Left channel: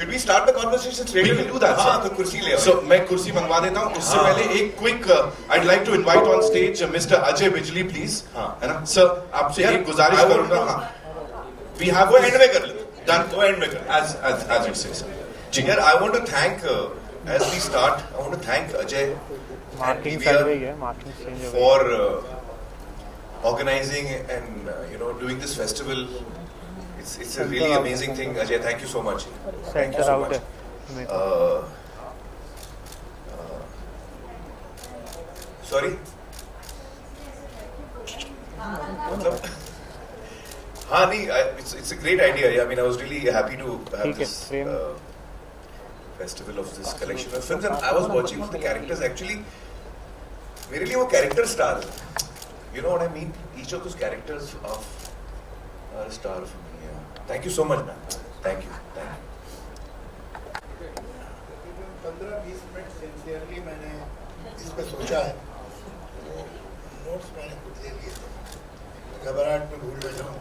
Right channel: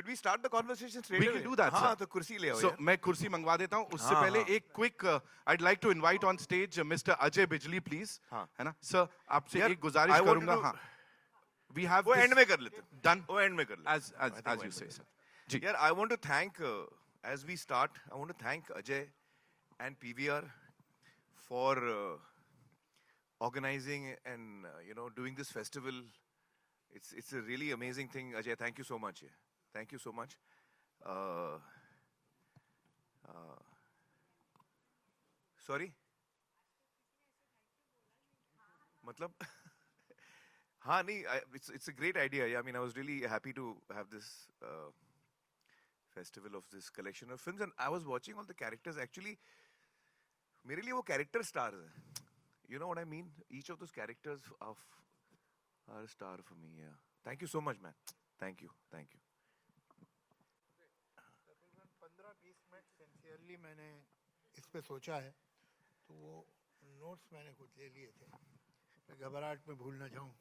Should we start the conversation straight? We can do that. हाँ, तो कुर्सी ले आओ. So मैं कुर्सी मंगवा देता हूँ. उससे पहले एक quick, I'd like to invite on stage Mr. Ajay Bijli, please. हाँ. है ना? Sir, आपसे एक गुजारिश करूँगा. हाँ. We have वो end में कर ले. done. वो end में कर. As you say, sir. जी यार, I want to thank as we start, I want to thank Ajay and PVR for organizing and doing this festival. It's a really amazing thing, Ajay. Thank you so much. Thank you so much. Sorry. हाँ नहीं, it's a great idea. Yeah, I mean, I was really happy to have this festival of this collection of films, and I was watching the characters. Actually, मेरे लिए वो character star है. You know what I mean? Each of those characters are a star for me. Yeah. Thank you so much, man. Thank you. Thank you. 15-20 minute sincerely मैंने इस पर सोचा है. Notes मैंने खुद ले लिए थे. घबराहट में भूल बैठा हूँ.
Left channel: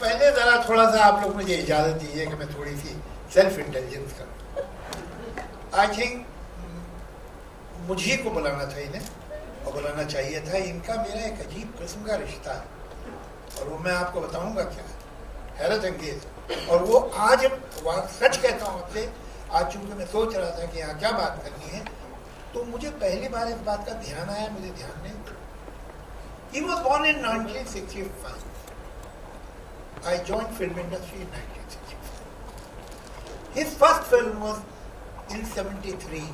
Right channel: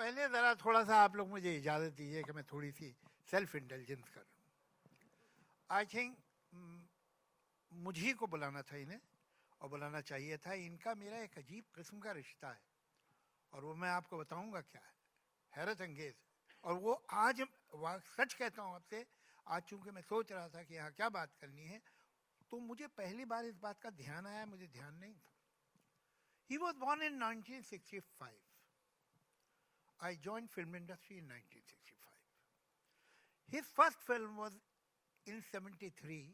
पहले जरा थोड़ा सा आप लोग मुझे इजाजत दीजिए कि मैं थोड़ी सी सेल्फ इंटेलिजेंस करूँ. आई थिंक मुझे को बुलाना था इन्हें और बुलाना चाहिए था. इनका मेरा एक अजीब किस्म का रिश्ता है और वो मैं आपको बताऊंगा क्या है. हैरत अंगेज. और वो आज सच कहता हूँ आपसे. आज चूंकि मैं सोच रहा था कि यहाँ क्या बात करनी है तो मुझे पहली बार इस बात का ध्यान आया. मुझे ध्यान नहीं. He was born in 1965. I joined film industry in 1965. His first film was in 73.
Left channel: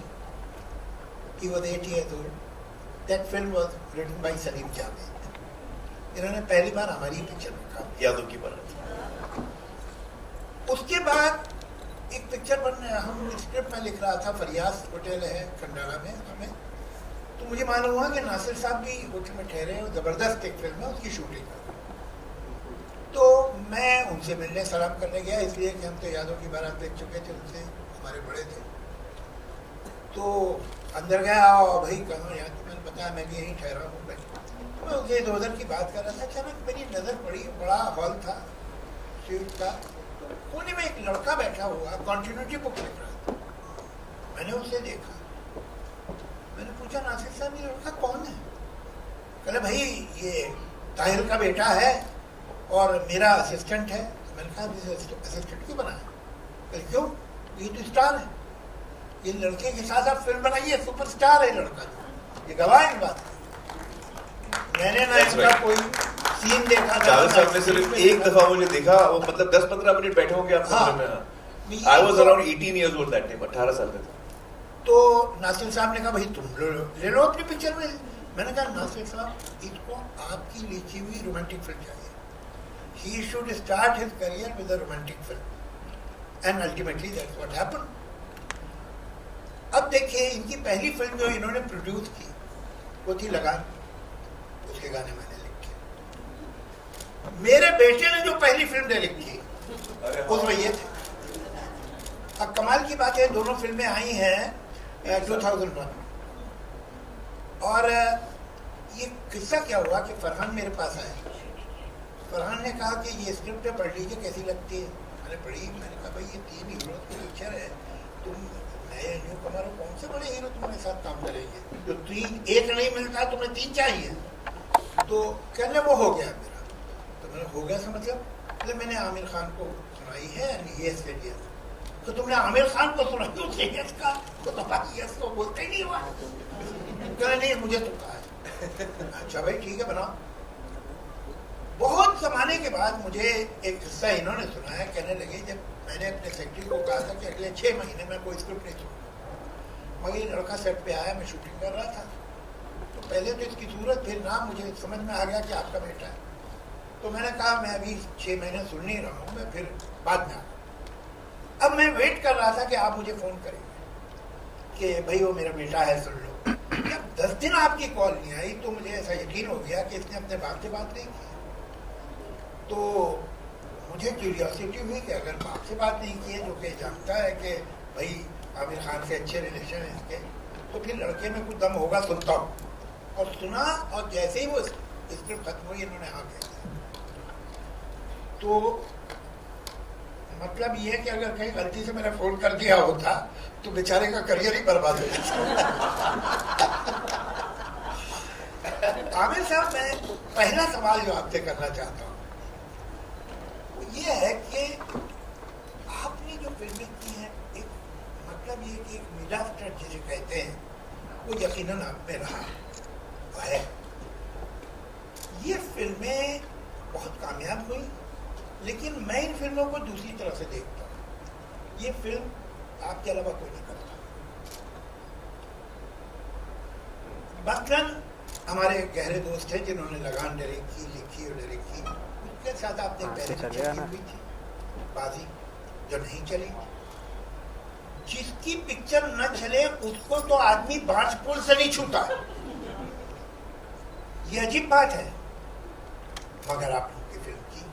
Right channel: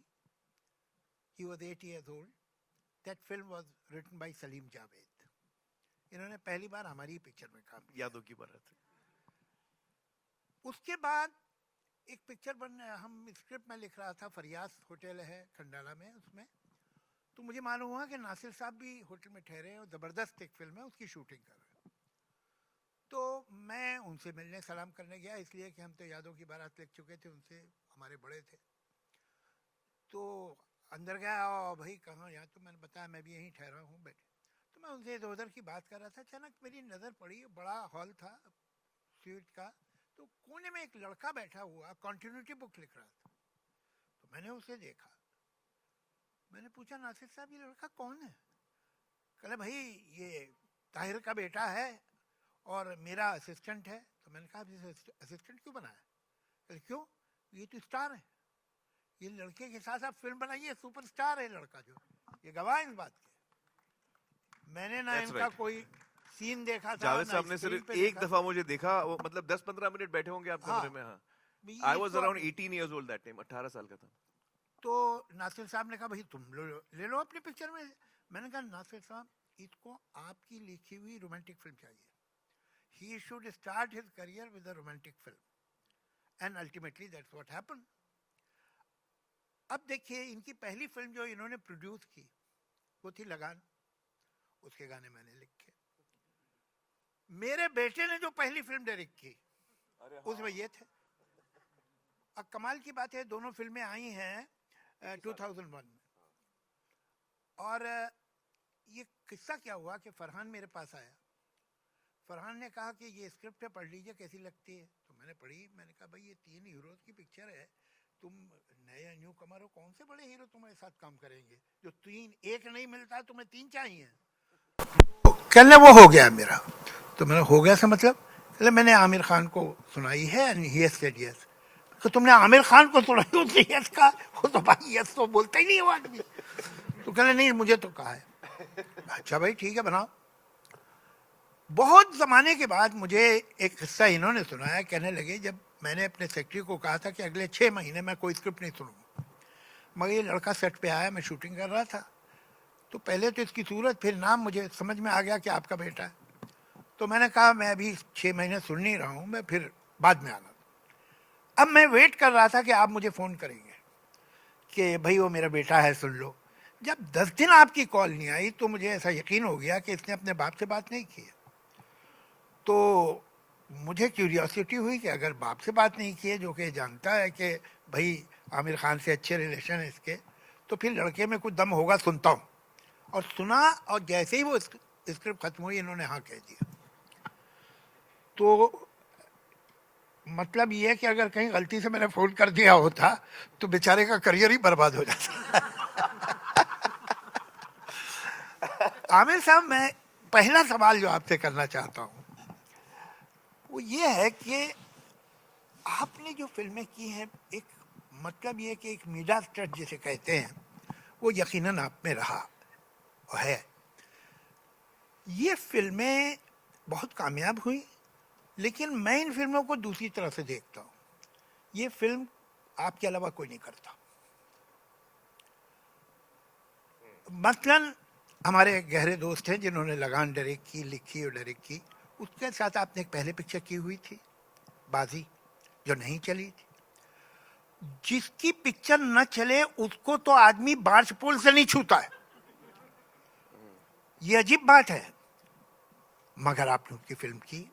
He was 8 years old. That film was written by Salim Javed. इन्होंने पहली बार हमारी पिक्चर में काम किया. यादों की बारात. उसके बाद एक पिक्चर बनने हम स्क्रिप्ट में लिख रहा था. फरियाद होटल है खंडाला में हमें. तो मुझे मालूम हुआ कि नासिर साहब भी होटल में ठहरे और जबरदस्त एक फिल्म है उसकी शूटिंग. तो मैं उनसे मिलने सलाम करने गया इसलिए कि हम तो यादों की बारात देख चुके थे. उनसे हमारे बड़े थे. तो अंदर गया और भाई कहाँ यार तो मैंने बताया मैं भी यहीं ठहरा हूँ. मैं उनसे इधर उधर की बात कर रहा था. अचानक मेरी नज़र पड़ी. बड़ा हॉल था स्ट्रीट का. कोने में एक लड़का बैठा हुआ कॉन्टिन्यूटी बुक लिख रहा था. मैंने उसे देखा. मैंने पूछा नासिर साहब ये लड़का कौन है. कहले भाई ये ताहिर का बेटा है और मेरा असिस्टेंट है. मैंने कहा असिस्टेंट क्यों बना है. क्यों ये तो स्टार है. ये लड़के के साथ आप फिल्म बनाइए. सुपरस्टार है लड़का. ये गवाह है इस बात. मैंने ना इसका कोई सीन देखा. जावेद साहब ने सिर्फ एक दफा मुझे देखा. वो मतलब 10-15 मिनट बैठे होंगे आप फिल्म में. I was around 18 years old that time. 18 साल का था. तो नासिर साहब ने कहा भाई तुम ले लो अपनी पिक्चर में. मैंने कहा नासिर साहब इसको आपकी लिखी हुई रोमांटिक फिल्म चाहिए. He should start his career with a romantic film, and ultimately that's what happened. अब देखिए इनकी पहली फिल्म जो इन्होंने प्रोड्यूस की वो थी लगान. उसके गाने मैंने लिखे. मेरे बेटे ने जो पहली फिल्म ले लिखी उसमें ये थे. अब कमाल की बात है दोनों फिल्में आई हैं 2001. और ये किस्सा क्या हुआ कि फरहान मेरे पास आया. फरहान ने कहा कि ये स्क्रिप्ट पढ़ लीजिए कैसी लगती है. मैंने पढ़ी. मैंने कहा भाई ये 3 हीरो की पिक्चर है. तुम नए न्यू कमर कौन से बड़े हीरो तुम्हारे साथ काम करेंगे. तो 3 एक नहीं मिलता तुम्हें 3 चाहिए. तो कहने वो हो गया मेरा. तो मैंने हो गया से मतलब पहले मैंने आमिर खान को सुनाई है. तो तुमने आमिर खान को सुनाई तो यस का वो तो भाई यस तो बोलते ही नहीं हुआ. तो कहने नहीं मुझे तो कहा है. अच्छा भाई ठीक है बनाओ. बहुत ज़माने के बाद मुझे एक किस्सा इन्होंने सुनाया. कहने लगे जब मैंने अपने सेक्रेटरी को कहा था कि अगले 6 महीने में कोई स्क्रिप्ट नहीं सुनूंगा. मगर ये लड़का सेट पे आया. मैं शूटिंग कर रहा था. तो पहले तो इसकी सूरत फिर नाम मुझे समझ में आ गया कि आपका बेटा है. तो मैंने कहा मैं अभी 6 महीने सुन नहीं रहा हूँ. मैं फिर बाद में आ. अब मैं वेट कर रहा था कि आप मुझे फ़ोन करेंगे कि भाई वो मेरा बेटा है सुन लो. जब 10 दिन आपकी कॉल नहीं आई तो मुझे ऐसा यकीन हो गया कि इसने अपने बाप से बात नहीं की. तो मुझे क्यूरियोसिटी हुई कि अगर बाप से बात नहीं की है जो कि जानता है कि भाई आमिर खान से अच्छे रिलेशन है इसके, तो फिर लड़के में कुछ दम होगा. सुनता हूँ. और सुना और जैसे ही वो स्क्रिप्ट खत्म हुई इन्होंने हाँ कह दिया. तो मतलब ये है कि अगर कहीं गलती से मैंने फोन कर दिया होता तो बेचारे का करियर ही बर्बाद हो जाता। आमिर साहब, मैं पहला सवाल जो आपसे करना चाहता हूँ वो ये है कि आपने जो फिल्में की हैं, एक मतलब ये कि एक मीडिया स्टार जिसे कहते हैं वो यकीनन आप में रहा है। ये फिल्में बहुत कामयाब हुई, लेकिन मैं इन फिल्मों को दूसरी तरह से देखता हूँ। ये फिल्म आपके अलावा कोई नहीं करता। मसलन हमारे गहरे दोस्त हैं जिन्होंने लगान डायरेक्ट की, लिखी और डायरेक्ट की। उसके साथ आपने पहले पिक्चर की हुई थी बाजी, जो नहीं चली। जिसकी पिक्चर न चले उसको तो आदमी बांस पुल से नहीं छूता है, ये अजीब बात है। मगर आप लोग की फिल्म की,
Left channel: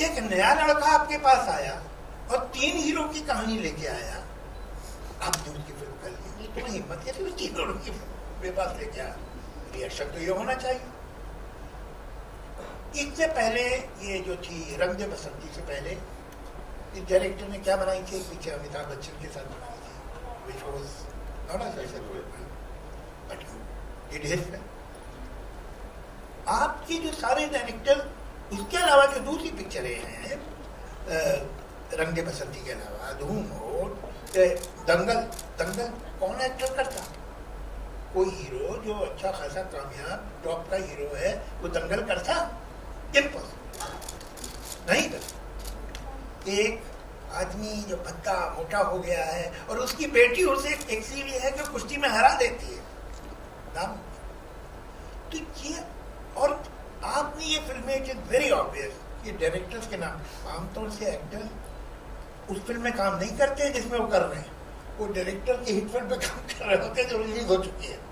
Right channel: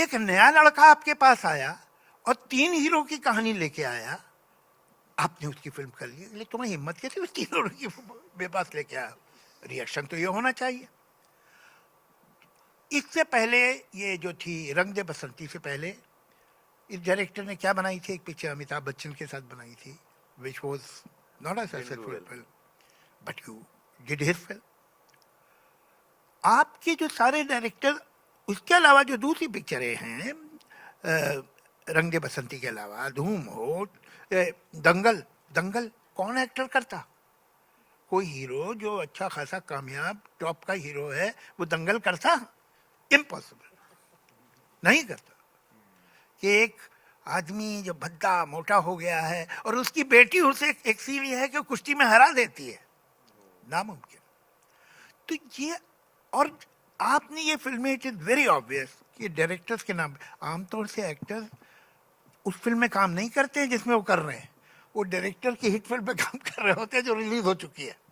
एक नया लड़का आपके पास आया और 3 हीरो की कहानी लेके आया, आपने उसकी फिल्म कर ली। नहीं, तुम्हें हिम्मत कैसे उस 3 हीरो की मेरे पास लेके आया? रिएक्शन तो ये होना चाहिए। इससे पहले ये जो थी रंग दे बसंती से पहले इस डायरेक्टर ने क्या बनाई थी, एक पिक्चर अमिताभ बच्चन के साथ बनाई थी, which was not a successful film, but you did his film. आपके जो सारे डायरेक्टर, उसके अलावा जो दूसरी पिक्चरें हैं, रंग दे बसंती के अलावा धूम हो, दंगल कौन एक्टर करता? कोई हीरो जो अच्छा खासा कामयाब टॉप का हीरो है वो दंगल करता? इम्पॉसिबल, नहीं कर। एक आदमी जो पतला मोटा हो गया है और उसकी बेटी उसे एक सीढ़ी है कि कुश्ती में हरा देती है, नामुमकिन। तो ये, और आपने ये फिल्में, इट इज वेरी ऑब्वियस कि डायरेक्टर्स के नाम, आमतौर से एक्टर उस फिल्म में काम नहीं करते जिसमें वो कर रहे हैं, वो डायरेक्टर की हिट फिल्म में काम कर रहे होते हैं जो रिलीज हो चुकी है।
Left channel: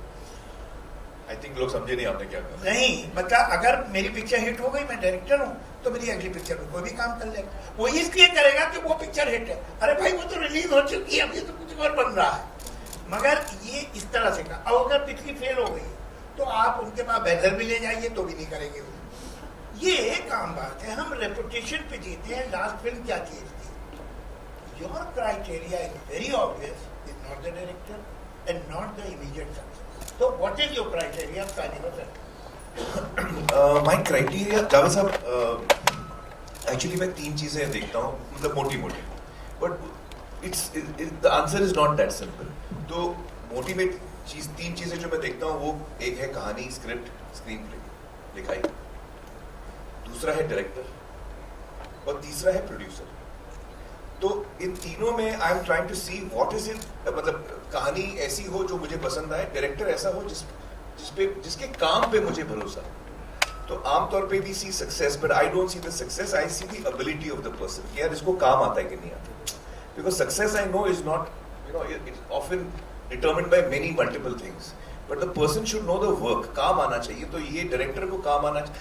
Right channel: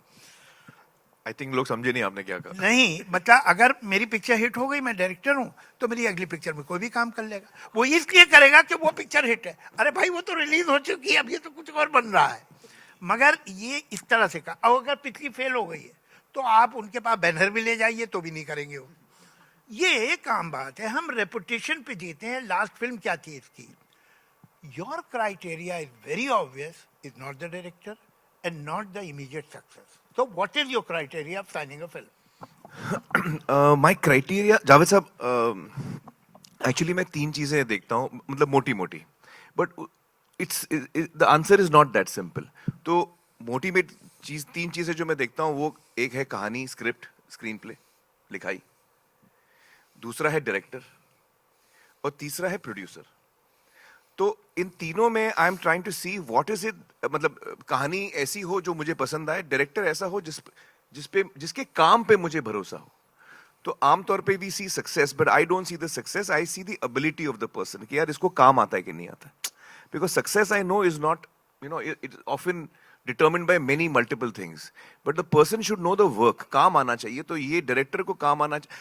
आई थिंक लोग समझे नहीं आपने क्या कहा। नहीं, मतलब अगर मेरी पिक्चर हिट हो गई, मैं डायरेक्टर हूँ, तो मेरी अगली पिक्चर में कोई भी काम कर लेगा। वो इसलिए करेगा कि वो पिक्चर हिट है। अरे भाई, वो तो रिलीज हो चुकी है, अभी तो कुछ और बन रहा है। मगर ये इस तरह से का, और अगर पिछली फेल हो गई तो आप उनके पास बेहतर भी ले जाइए तो भी नहीं करेंगे वो। ये एक आम बात है, हम रेपुटेशन पे देते हैं। लास्ट फिल्म क्या थी इसकी? Your criteria is very obvious, is not the director and not the immediate success. तो what is your criteria of signing a film? My criteria, Javed साहब, एक्चुअली मैं 3 चीजें देखता हूँ, मतलब मोटी मोटी, but it's the answer is not that simple. तो मोटी में 3 चीजें जो मैं देखता हूँ, वो एक है कहानी, स्क्रिप्ट, स्क्रीन प्ले, लिखाई, दूसरा है डायरेक्टर और तीसरा है प्रोड्यूसर। तो इन तीनों में I am trying to see what is it, मतलब कहानी ऐसी हो जो मुझे पसंद आए, डायरेक्टर ऐसा हो जिसके काम पे मुझे भरोसा। तो आमतौर पे we see success, but I don't see the success, I see the ability of the person कि यार इसको काम आता है कि नहीं आता। Because success I know is not, you know, it's often determined by many multiple things, but the person should know the work, काम आना चाहिए। तो ये डायरेक्टर को काम आना चाहिए।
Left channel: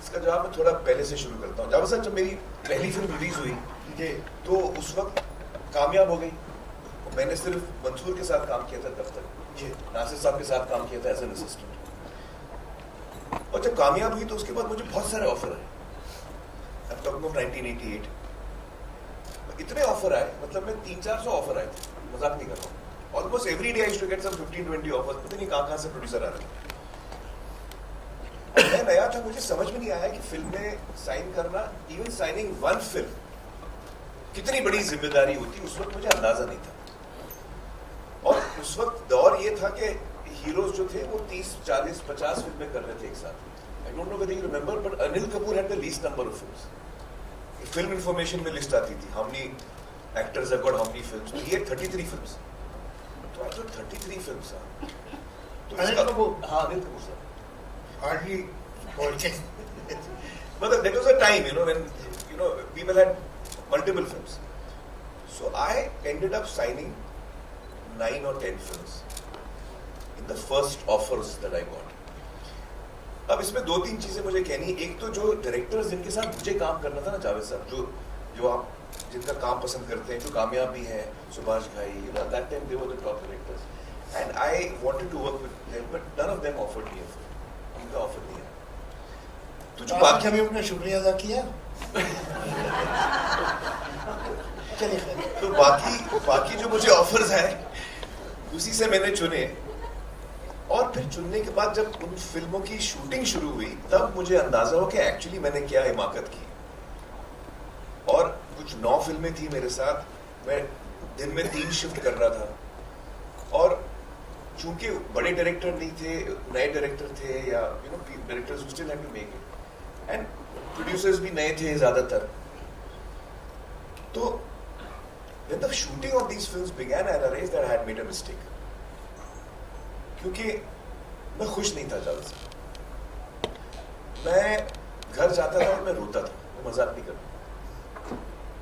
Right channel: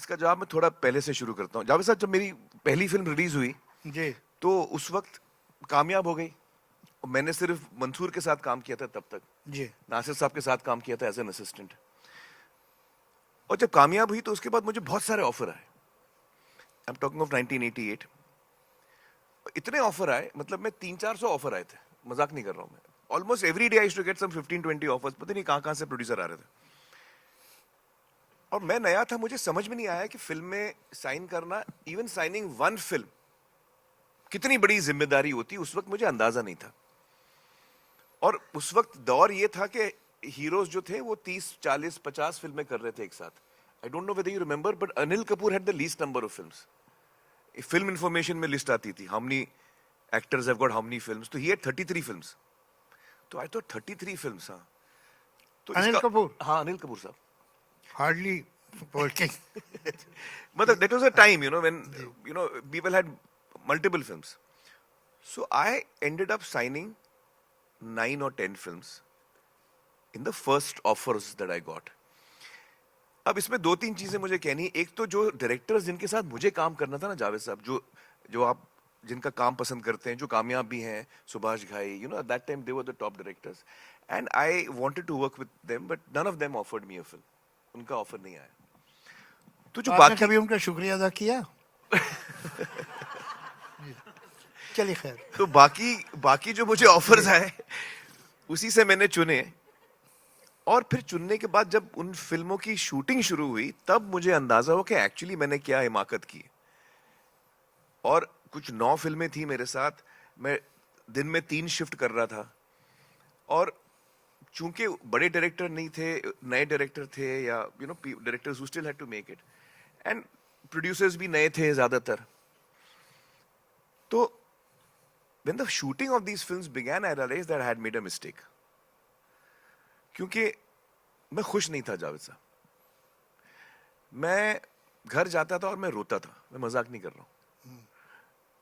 इसका जवाब मैं थोड़ा पहले से शुरू करता हूँ। जावेद साहब, जब मेरी पहली फिल्म रिलीज हुई जी, तो उस वक्त कामयाब हो गई। मैंने सिर्फ मंसूर के साथ काम किया था तब तक, जी, नासिर साहब के साथ काम किया था एज एन असिस्टेंट। और जब कामयाब हुई तो उसके बाद मुझे बहुत सारे ऑफर आए। I am talking of 1988। इतने ऑफर आए, मतलब मैं 300-400 ऑफर आए थे, मजाक नहीं कर रहा हूँ। Almost every day I should get some 15-20 offers. पता नहीं कहाँ से प्रोड्यूसर आ रहे थे। और मैं नया था, मुझे समझ में नहीं आया कि फिल्म में साइन करना, इवन साइनिंग 1 फिल्म, कितनी बड़ी जिम्मेदारी होती है। उस वक्त मुझे अंदाजा नहीं था। और उस वक्त दौर ये था कि हीरोज जो थे वो 30, 40, 50 फिल्में कर रहे थे एक साथ। आई don't know whether you remember, but Anil Kapoor had the least number of films. Film information में लिस्ट आती थी, how many actors have got how many films. तो ये 33 फिल्म्स। तो आई थॉट 33 फिल्म्स। तो अनिल कपूर, हाँ, अनिल कपूर सर, हार्डली बोलते। मतलब that was a time, you know, when, you know, people had multiple films. So I ended up signing 9 or 10 films in the first offers that I got. अब इसमें 2-3 चीजें मुझे कहनी। एक तो जो डायरेक्टर्स जिनके साथ मुझे काम करना था ना, जावेद साहब, जो आप जिनका काम पसंद करते हैं, जो कामयाब भी हैं, सुभाष घाई, you know, at that time they were the top directors, and I wanted to work with them, but none of them offered me a film. उनका ऑफर नहीं है। तो जो आपने बाकी कभी उनका शुक्रिया अदा किया? चलिए खैर। तो बाकी जो मुझे ऑफर्स आए उसी से मैंने चुने, और फिर चुनने के बाद जब उन फिल्मों की शूटिंग शुरू हुई तब मुझे अंदाजा हो कि एक्चुअली मैंने क्या हिमाकत की। और कुछ 9 फिल्में थी मेरे साथ, मैं दिन में 3 शिफ्ट कर रहा था, और चूंकि बड़े डायरेक्टर नहीं थे, नए डायरेक्टर थे, या directors who still had to make it, and producers भी नए थे ज्यादातर। तो when the shooting of these films began, I realized that I had made a mistake, क्योंकि मैं खुश नहीं था ज्यादा से। मैं घर जाता था और मैं रोता था, मैं मजाक नहीं करता।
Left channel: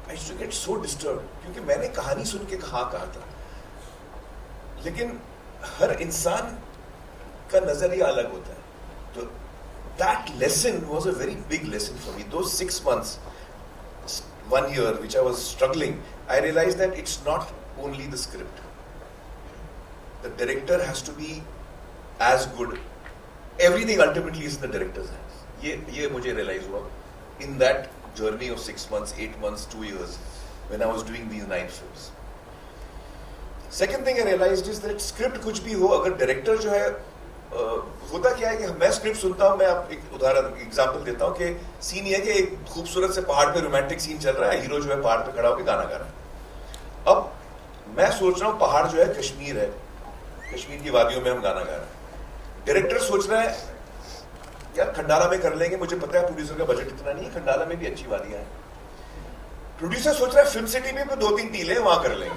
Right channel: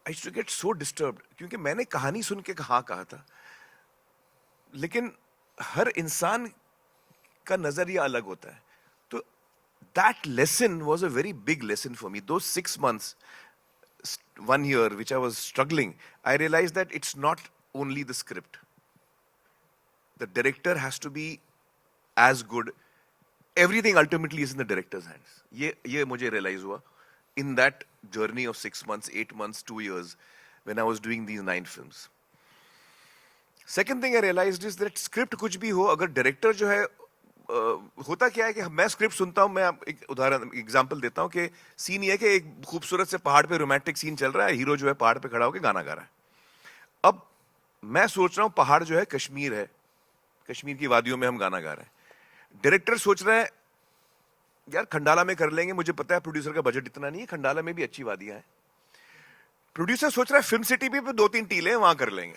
I used to get so disturbed, क्योंकि मैंने कहानी सुन के कहा था, लेकिन हर इंसान का नजरिया अलग होता है। तो that lesson was a very big lesson for me. Those 6 months, 1 year, which I was struggling, I realized that it's not only the script. The director has to be as good. Everything ultimately is in the director's hands. ये मुझे realize हुआ in that journey of 6 months, 8 months, 2 years, when I was doing these 9 films. Second thing I realized is that script कुछ भी हो, अगर director जो है, होता क्या है कि मैं स्क्रिप्ट सुनता हूँ, मैं आप एक उदाहरण एग्जांपल देता हूँ कि सीन ये है कि एक खूबसूरत से पहाड़ पे रोमांटिक सीन चल रहा है, हीरो जो है पहाड़ पे खड़ा होकर गाना गा रहा है। अब मैं सोच रहा हूँ पहाड़ जो है कश्मीर है, कश्मीर की वादियों में हम गाना गा रहे हैं। डायरेक्टर सोच रहा है यार खंडाला में कर लेंगे, मुझे पता है प्रोड्यूसर का बजट इतना नहीं है, खंडाला में भी अच्छी वादियां हैं। प्रोड्यूसर सोच रहा है फिल्म सिटी में 2-3 टीले वहां कर लेंगे।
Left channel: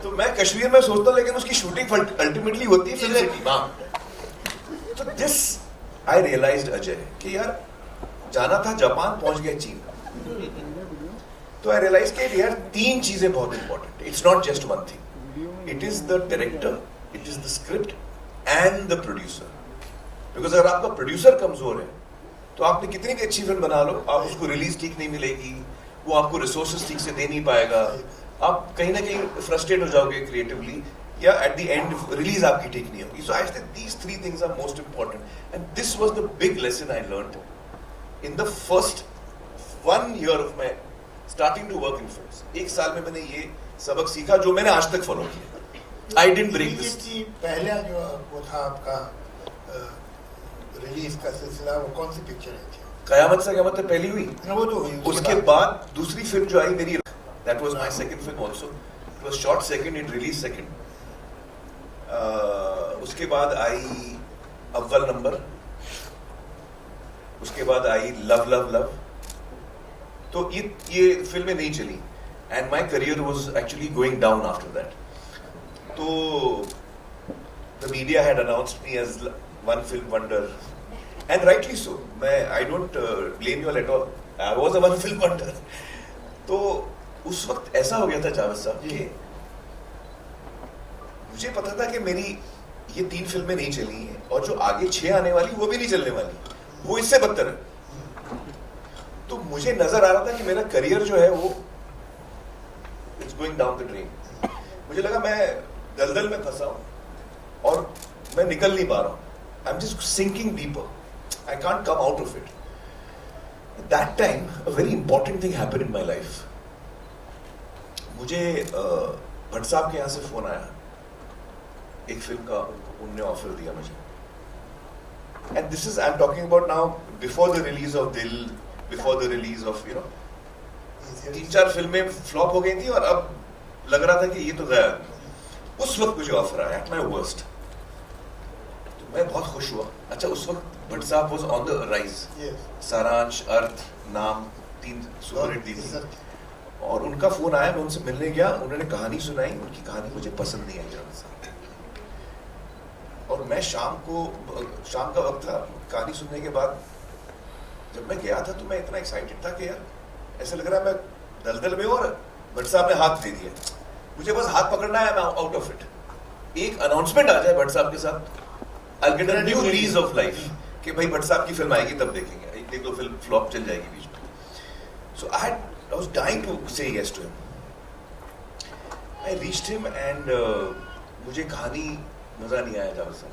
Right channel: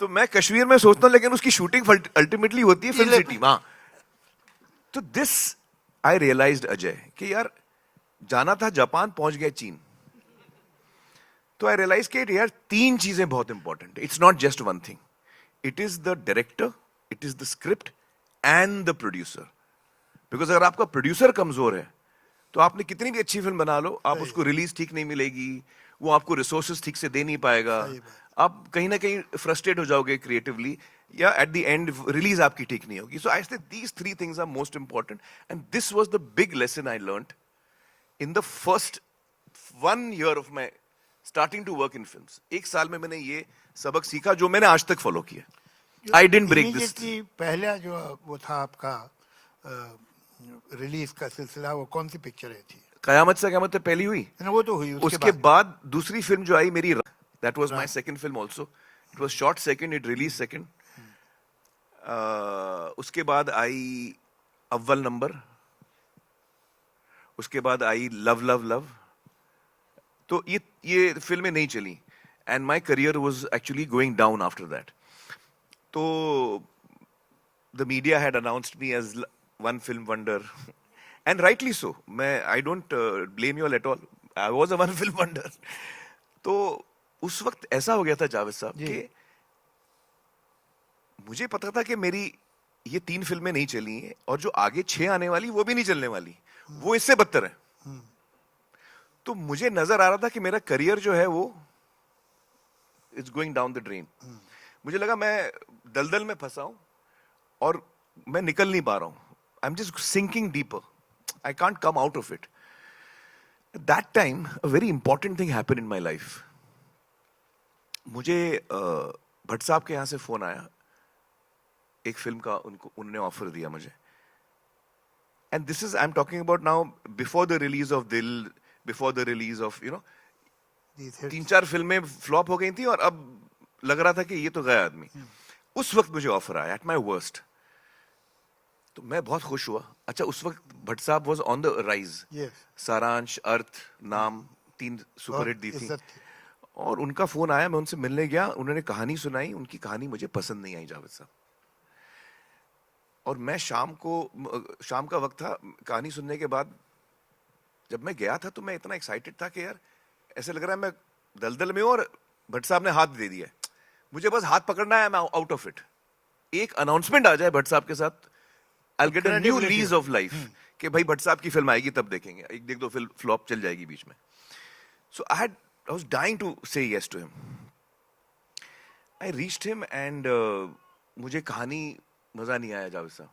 तो मैं कश्मीर में सोचता हूँ, लेकिन उसकी शूटिंग अल्टीमेटली होती है फिल्म सिटी। हाँ, तो दिस आई रियलाइज अजय कि यार जाना था जापान, पहुंच गए चीन। तो आई रियलाइज कि यार 3 चीजें बहुत इंपॉर्टेंट है। It's not just one thing, it is the director, it is the script and the producer. Because अगर आपका प्रोड्यूसर कमजोर है तो आपने कितनी भी अच्छी फिल्म बना लो, आप उसको रिलीज ठीक नहीं मिलेगी, वो आपको रिसोर्सेज ठीक से दे नहीं पाएगा, आप कहीं ना कहीं फ्रस्ट्रेट हो जाओगे क्रिएटिवली, या एट द एंड रिलीज आपकी ठीक नहीं होगी। So I think these 3 things are most important, and this was the big lesson I learned in the first 1 year of my starting to work in films. 1 साल में मैंने ये सबक सीखा जो मैंने आज तक फॉलो किया। I didn't break this. पहला जो वो था आपका रिलीज का सिलसिला, वो कौन सी पिक्चर थी? कयामत से क़यामत तक पहली हुई, वो तो हुई। उसके बाद दूसरी फिल्म जो आई मेरी, that was my second film also. It was shot second, it released second. उसके बाद आई अव्वल नंबर, उसके बाद आई लव लव लव। तो ये फिल्में नहीं चली, and my career was actually going down after that. तो the media had announced me as one film wonder, and rightly so. I don't blame you at all. I was a one film wonder. तो उस वक्त ऐसा हो गया था जावेद साहब कि मुझे पता था कि मेरी ये 3 फिल्में नहीं चली हैं, और जो आगे 6 आने वाली वो भी नहीं चलने वाली, वो इससे बदतर है। तो मुझे नजर आ रहा था कि मेरा करियर जो है वो it's going down the drain. मुझे लगा मैं दलदल में फंसा हूं और मैं निकल नहीं पा रहा हूं। I am just sinking deeper, I can't come out of it. That time a very important thing happened in my life. मुझे भट्ट साहब के यहाँ से फोन आया, एक फिल्म का उन्होंने ऑफर दिया मुझे, and this is I am talking about now before the release of दिल, बिफोर द रिलीज ऑफ 3-4 फिल्में फ्लॉप हो गई थी, और अब लग रहा था कि ये तो गया। उस वक्त मुझे ऑफर आया एट माय वर्स्ट, तो मैं बहुत खुश हुआ। अच्छा, उस वक्त भट्ट साहब वाज ऑन द राइज, सारांश, अर्थ, नाम 3 सुपरहिट दी थी, और उनका फोन आया, मैं उनसे मिलने गया, उन्होंने कहानी सुनाई, उनकी कहानी मुझे पसंद नहीं आई जरा सा, और मैं शाम का वक्त था, कहानी सुनने के बाद जब मैं गया था तो मैं इतना एक्साइटेड था कि यार ऐसा लग रहा है मैं दलदल में, और भट्ट साहब ने हाथ दे दिया, मुझे बस हाथ पकड़ना है, ना आउट ऑफ इट। एक अनाउंसमेंट आ जाए भट्ट साहब के साथ, I will get a new lease of life कि भाई भट्ट साहब की फिल्म आएगी तब देखेंगे, 1-2 फिल्म फ्लॉप चल जाएगी बीच में। सो आई was dying to say yes to him. I reached him and मुझे कहानी मजा नहीं आया था उससे।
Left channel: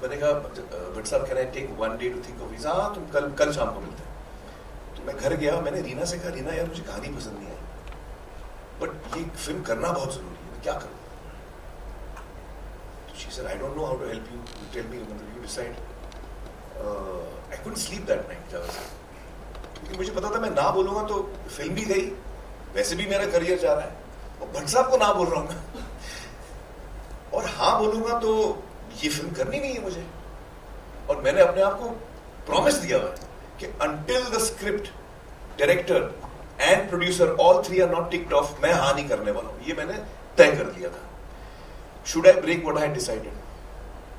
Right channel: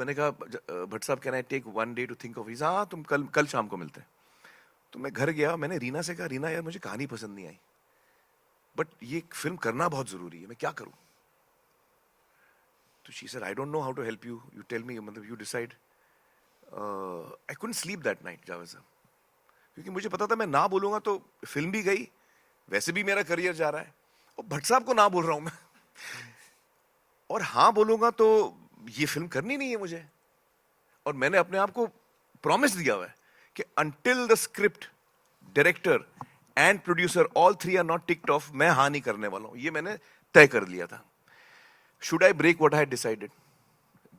मैंने कहा भट्ट साहब can I take 1 day to think of it? हाँ तुम कल शाम को मिलते हैं। तो मैं घर गया, मैंने रीना से कहा रीना यार मुझे कहानी पसंद नहीं आई बट ये फिल्म करना बहुत जरूरी है, मैं क्या करूँ? तो she said I don't know how to help you, you tell me, you decide. I couldn't sleep that night क्योंकि मुझे पता था मैं ना बोलूंगा तो फिल्म भी गई, वैसे भी मेरा करियर जा रहा है और भट्ट साहब को ना बोल रहा हूँ मैं और हाँ बोलूंगा तो ये फिल्म करनी नहीं है मुझे। और मैंने अपने आप को प्रॉमिस दिया हुआ है कि until the script, director and producer all three are not ticked off, मैं हाँ नहीं करने वाला हूँ, ये मैंने तय कर लिया था। Should I break what I had decided?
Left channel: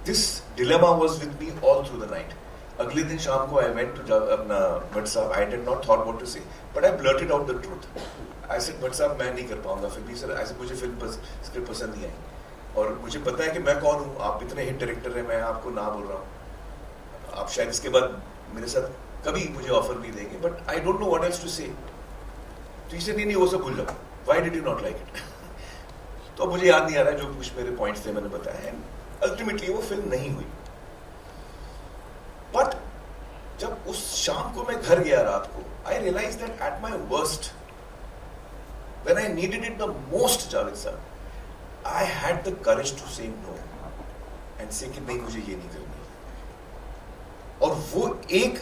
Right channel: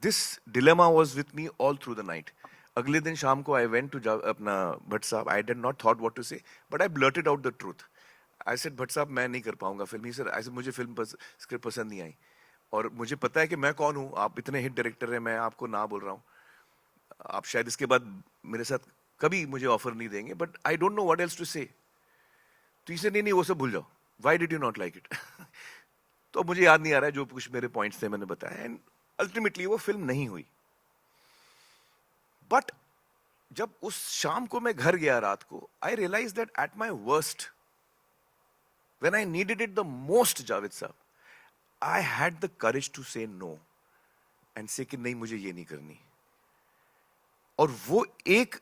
This dilemma was with me all through the night. अगले दिन शाम को I went to अपना भट्ट साहब, I did not thought what to say, but I blurted out the truth. I said Bhatt साहब मैं नहीं कर पाऊंगा फिर भी सर, ऐसे मुझे फिल्म स्क्रिप्ट पसंद नहीं आई और मुझे पता है कि मैं कौन हूँ, आप इतने हिट डायरेक्टर हैं, मैं आपको ना बोल रहा हूँ, आप शायद इसके बाद मेरे साथ कभी मुझे ऑफर नहीं देंगे, but I don't know what else to say. तो इसे नहीं वो सब भूल जाओ, why did you not like it? तो मुझे याद नहीं आ रहा है, जो कुछ मेरे पॉइंट्स थे मैंने बताया, अल्टीमेटली वो फिल्म नहीं हुई। बट जब उस शाम को मैं घर गया रात को, I realise that at my worst when I needed it the most, Javed sir, I had the courage to say no and say कि नहीं मुझे ये नहीं करनी। और वो एक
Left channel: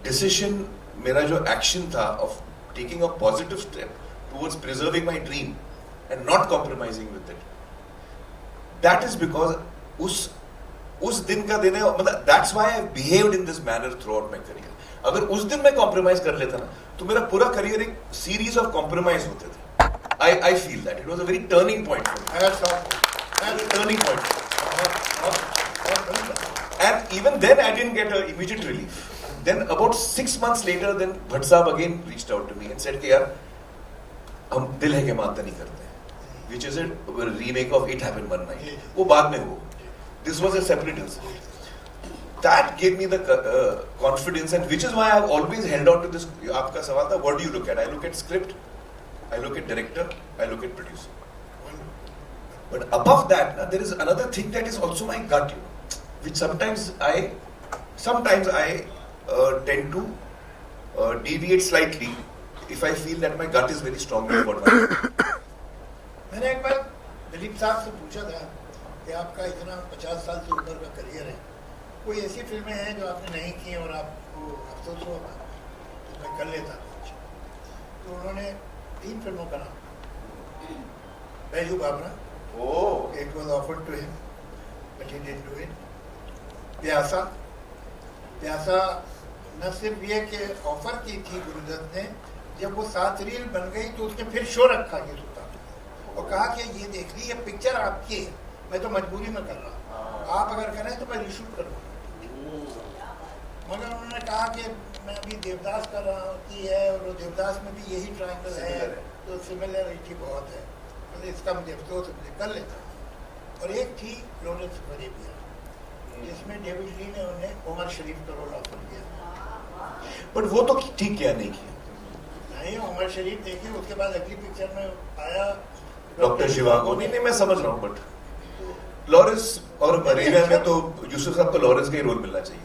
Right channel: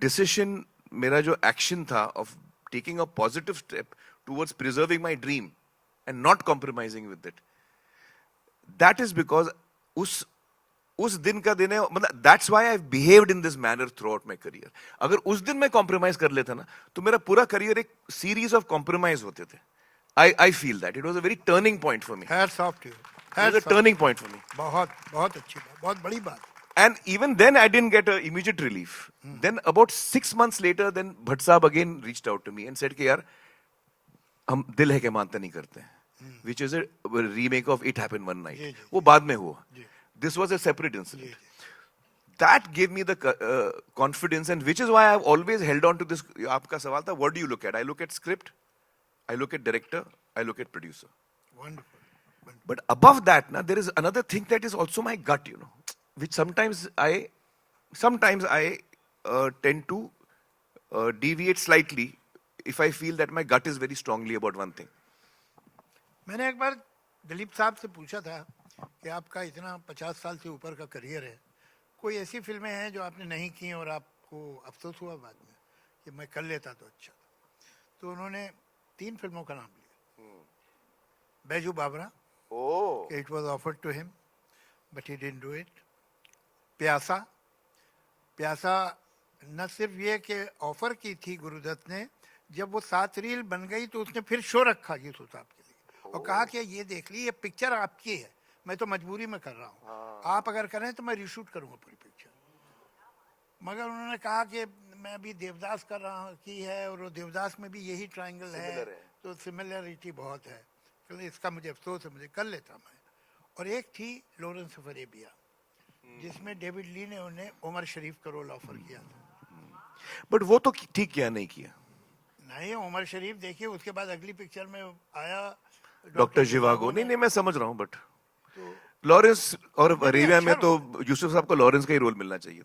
डिसीजन, मेरा जो एक्शन था of taking a positive step towards preserving my dream and not compromising with it, that is because उस दिन का दिन है, मतलब that's why I behaved in this manner throughout my career। अगर उस दिन मैं compromise कर लेता ना तो मेरा पूरा करियर एक series of compromise होते थे। I feel that it was a very turning point for me. As a turning point for me. And even then I didn't get an immediate relief. Then about 6 months later, then Bhatt Sahab again reached out to me and said कि यार हम दिल है के मानते नहीं करते, which is a remake of It Happened One Night. वो बाद में हो. This was a separate incident. That gave me the confidence, and which is why I've always held on to this. आपका सवाल था, what do you look at? I look at script, I look at director, I look at producer. But above that, now, there is another thing that is also my gut, you know, which sometimes I tend to deviate slightly if I feel that my gut is very strongly over that. मैंने एक बार दिलीप साहब से पूछा था कि आपका इतना 50 साल से ऊपर का करियर है, कोई ऐसी फिल्में हैं जो आपने नहीं की और आपको अफसोस होगा तो मैं कर लेता था। तो उन्होंने 3 फिल्मों का नाम, Baiju Bawra, it was offered to him but he didn't do it. Pyaasa न सिर्फ ये कि ऑफर की थी गुरुदत्त ने, जब वो 7 रील बन गई तो उसने फिर शो रखा कि तो कहा कि ये देखिए ये पिक्चर आपकी है, मैं तो मजबूरी में कर रहा हूँ, आप अगर करें तो मैं रिशूट करूँगा। मगर उन्होंने कहा कि मैं अभी देवदास कर रहा है और देवदास में भी यही ट्रायंगल है तो सिमिलरिटी बहुत है, तो इसका मुझे अफसोस कर लेता हूँ। और एक थी लॉरेंस ऑफ अरेबिया, जिसमें डेविड ली ने उन्हें उमर शरीफ का रोल ऑफर किया, बट वो तो ठीक किया नहीं किया। नहीं, उमर शरीफ देखिए उसके बाद अगली पिक्चर में आया डॉक्टर शिवागो। नहीं मैं समझ रहा हूँ, बट लॉरेंस और अरेबिया में तो यूसुफ साहब को लॉरेंस का ही रोल मिलना चाहिए।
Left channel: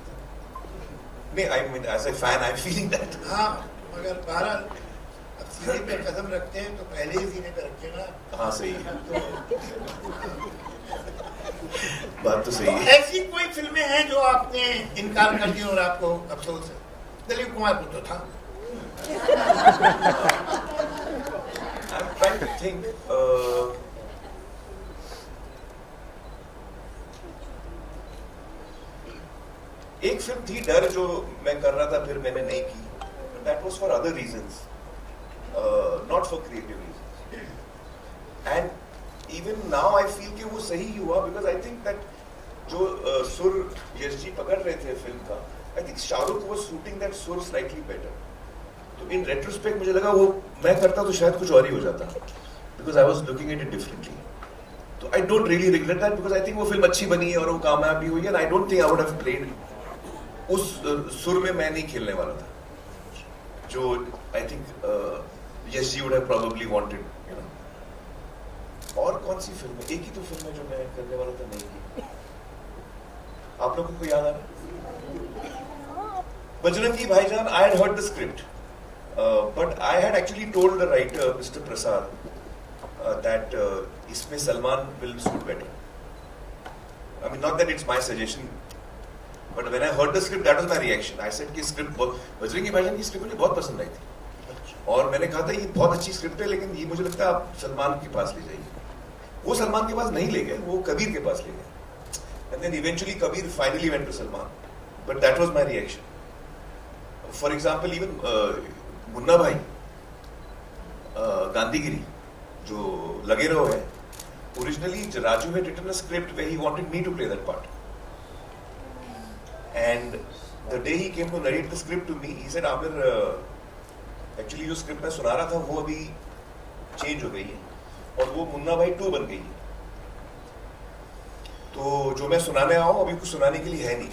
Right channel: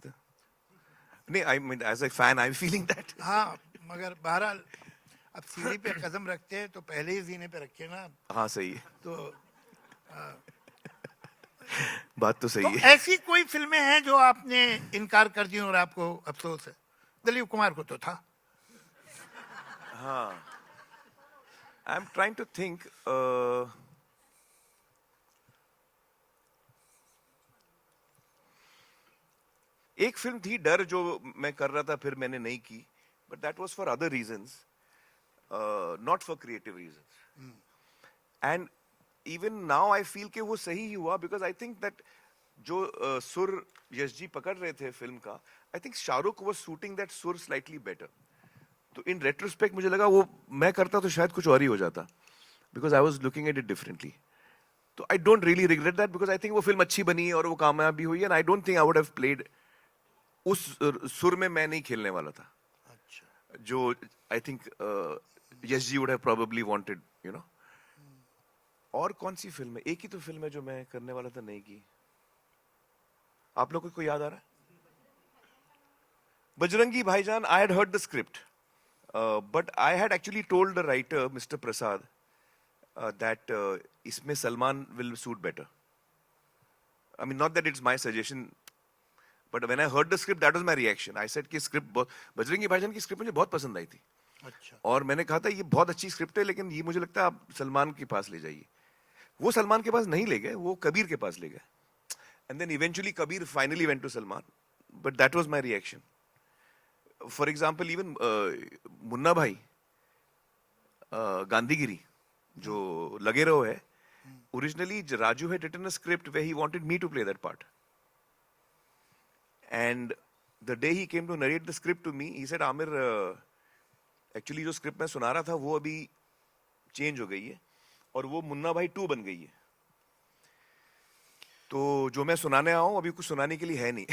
नहीं, I mean as a fan I'm feeling that. हाँ, मगर 12 सीने पे कदम रखते हैं तो पहले ही सीने पे रखे ना। हाँ सही है, तो बात तो सही है। ऐसी कोई फिल्में हैं जो आपने इनकार कर दी और आपको अफसोस है? दिलीप कुमार को तो था। I'm trying to think. एक फिल्म थी डर जो मैं कर रहा था, फिर मैंने नहीं की, but that was for other reasons, not for creative reasons. And even now I feel कि वो सही हुआ because I think that जो सुर यश जी पकड़ रहे थे फिल्म का, I think Shahrukh was shooting that सुर slightly better. तो in retrospect मुझे लगा वो मैं करता तो शायद कुछ और ही हो जाता, because I was looking at it differently. तो I don't really regret that because I think वो फिल्म अच्छी बनी है और वो कामयाब भी हुई है, and I don't think I would have played उस सुर में मैं नहीं खेलने वाला था, जो I think Yash ji would have probably wanted, you know. और कौन सी फिल्म है? एक ही तो फिल्म है जो मैं करने वाला था नहीं की। आप लोगों को याद आ रहा है? Bajrangi Bhaijaan, I had heard the script, but I had actually told the writer, Mr. Prasad, that इसमें Salman will suit better. I mean, not that it's my suggestion, but when I heard the script, that was my reaction. I said कि script Bajrangi Bhaijaan की script मुझे बहुत पसंद आई थी, और मैंने कहा था ये बहुत अच्छी script है, लेकिन ये मुझे लगता है आप सलमान के पास ले जाइए. वो सलमान के पास नहीं ले गए, वो कबीर के पास ले गए. And then eventually Kabir finally went to Salman, but that was my reaction. For example, even Munna भाई, गांधीगिरी, जो लगे रहो है, originally Raju had written a script where he wanted me to play that part. And the day he came to narrate the script to me, he said, Amir, actually जो script मैं सुना रहा था वो अभी change हो गई है, और वो मुन्ना भाई 2 बन गई है. तो जो मैं सुनाने आया हूँ अभी कुछ सुनाने के लिए है नहीं.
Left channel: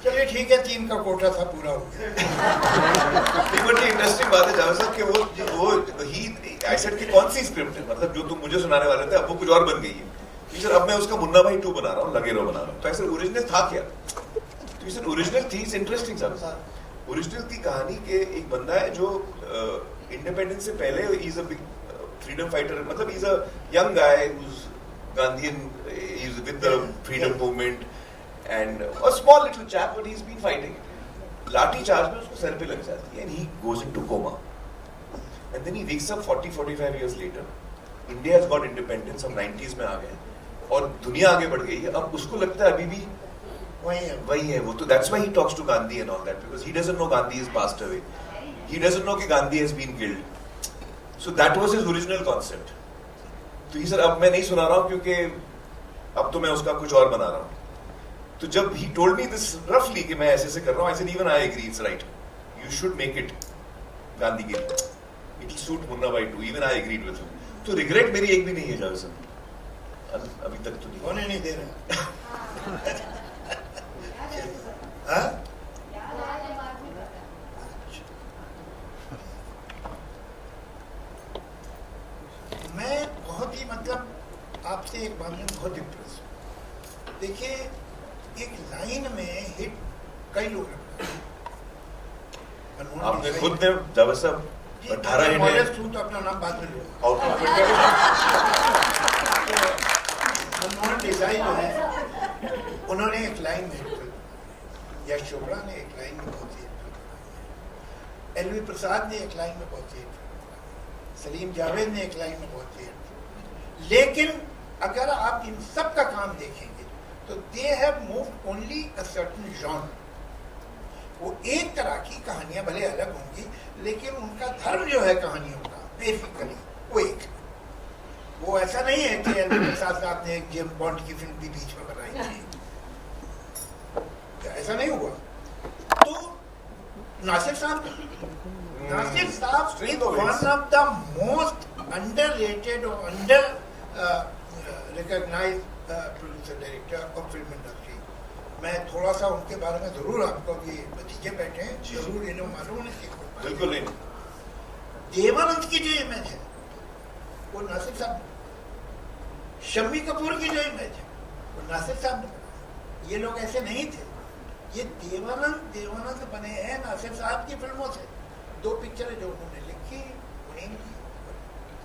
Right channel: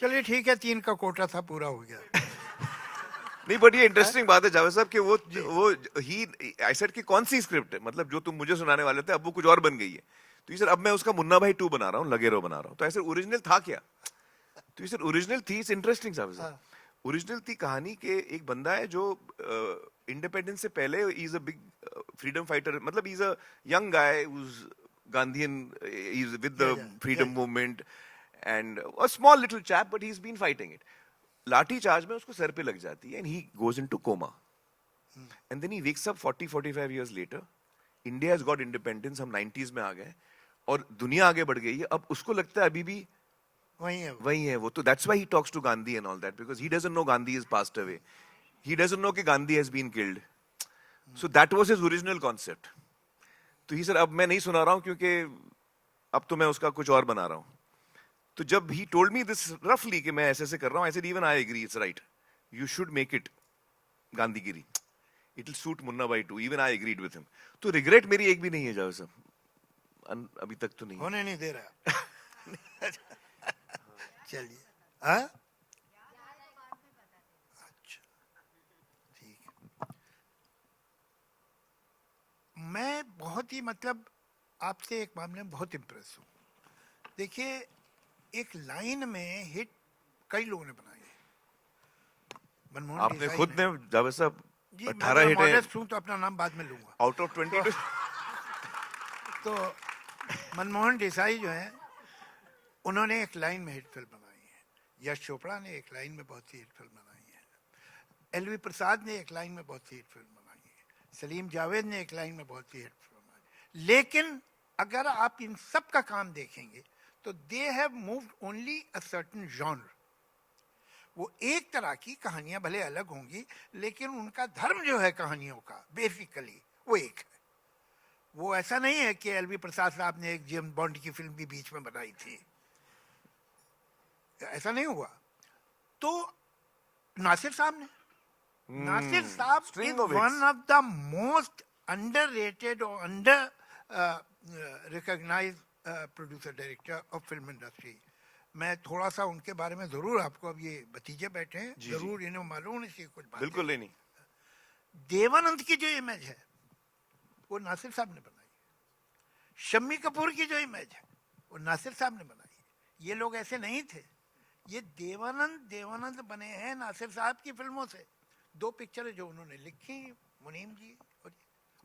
चलिए ठीक है, 3 का कोटा था पूरा हो गया. नहीं, बट ये इंटरेस्टिंग बात है जावेद साहब कि वो ही ऐसा कि कौन सी स्क्रिप्ट है, मतलब जो तुम मुझे सुनाने वाले थे अब वो कुछ और बन गई है. टीचर अब मैं उसका मुन्ना भाई 2 बना रहा हूँ, लगे रहो बना रहा हूँ. तो ऐसे ओरिजिनल था क्या? टीचर ओरिजिनल थी इंटरेस्टिंग साहब. ओरिजिनल थी कहानी के एक बंदा है जो इंडिपेंडेंस से पहले इज अ फ्रीडम फाइटर, मतलब is a young guy whose Gandhian, is with the freedom movement, and a small little chap, but he's been fighting. लाठी चार्ज में उसको सर पे लग जाती है, and he goes into coma, and then he wakes up 40-45 years later. India has got independence, हम 90s में आ गए, और दुनिया आगे बढ़ गई है. अब उसको लगता है अभी भी वही है वो. तो that's why he talks to Gandhi and all that, because he doesn't know Gandhi has passed away. He doesn't know कि Gandhi has been killed. So that was his original concept. तो ये सर अब मैं नहीं सुना रहा हूँ क्योंकि अब तो मैं उसका कुछ और बना रहा हूँ. तो जब he told me this roughly कि मैं ऐसे कर रहा हूँ, I said even I agree, it's right. You should make it Gandhigiri. It will suit Munna भाई too. Even I agreed with him. तो regret मेरी एक भी नहीं है जावेद साहब, अभी तक तो नहीं. होने नहीं दे रहा. हाँ? मैं बहुत ही मतलब आपसे एक मामले में बहुत इम्प्रेस. देखिए, एक लाइन में हिट कई लोग आपने खुद ने जावेद साहब 18 तो अपना नाम बात कर लो. आउट ऑफ मनमोहन देसाई जो है, उन्होंने एक लाइन में हिट कर, यश चोपड़ा ने एक लाइन में बहुत ही हिट कर, एलवी प्रसाद ने एक लाइन में बहुत ही हिट कर, सलीम जावेद ने एक लाइन में बहुत ही हिट. लेकिन अगर आप इन सब का काम देखेंगे तो they have moved only a certain genre. वो एक तरह की कहानियां भले अलग होंगी, लेकिन उनका धर्म जो है कहानियों का बेसिकली वो एक. वो ऐसा नहीं है कि प्रसाद साहब ने एक जेम्स बॉन्ड की फिल्म भी बीच में बनाई थी, ऐसा नहीं हुआ. तो नासिर साहब is one of the most underrated or under recognized producer director of film industry. मैं थोड़ा सा उनके बारे में जरूर आपको अभी भतीजे बैठे हैं, जरूर इन्हों मालूम नहीं सीखो. बिल्कुल नहीं. देवानंद की जो इमेज है वो नासिर साहब, शम्मी कपूर की जो इमेज है वो नासिर साहब ने. ये लोग ऐसे नहीं थे. ये देवानंद से बने हैं नासिर साहब की फिल्मों से. 2 पिक्चरें जो उन्होंने लिखी,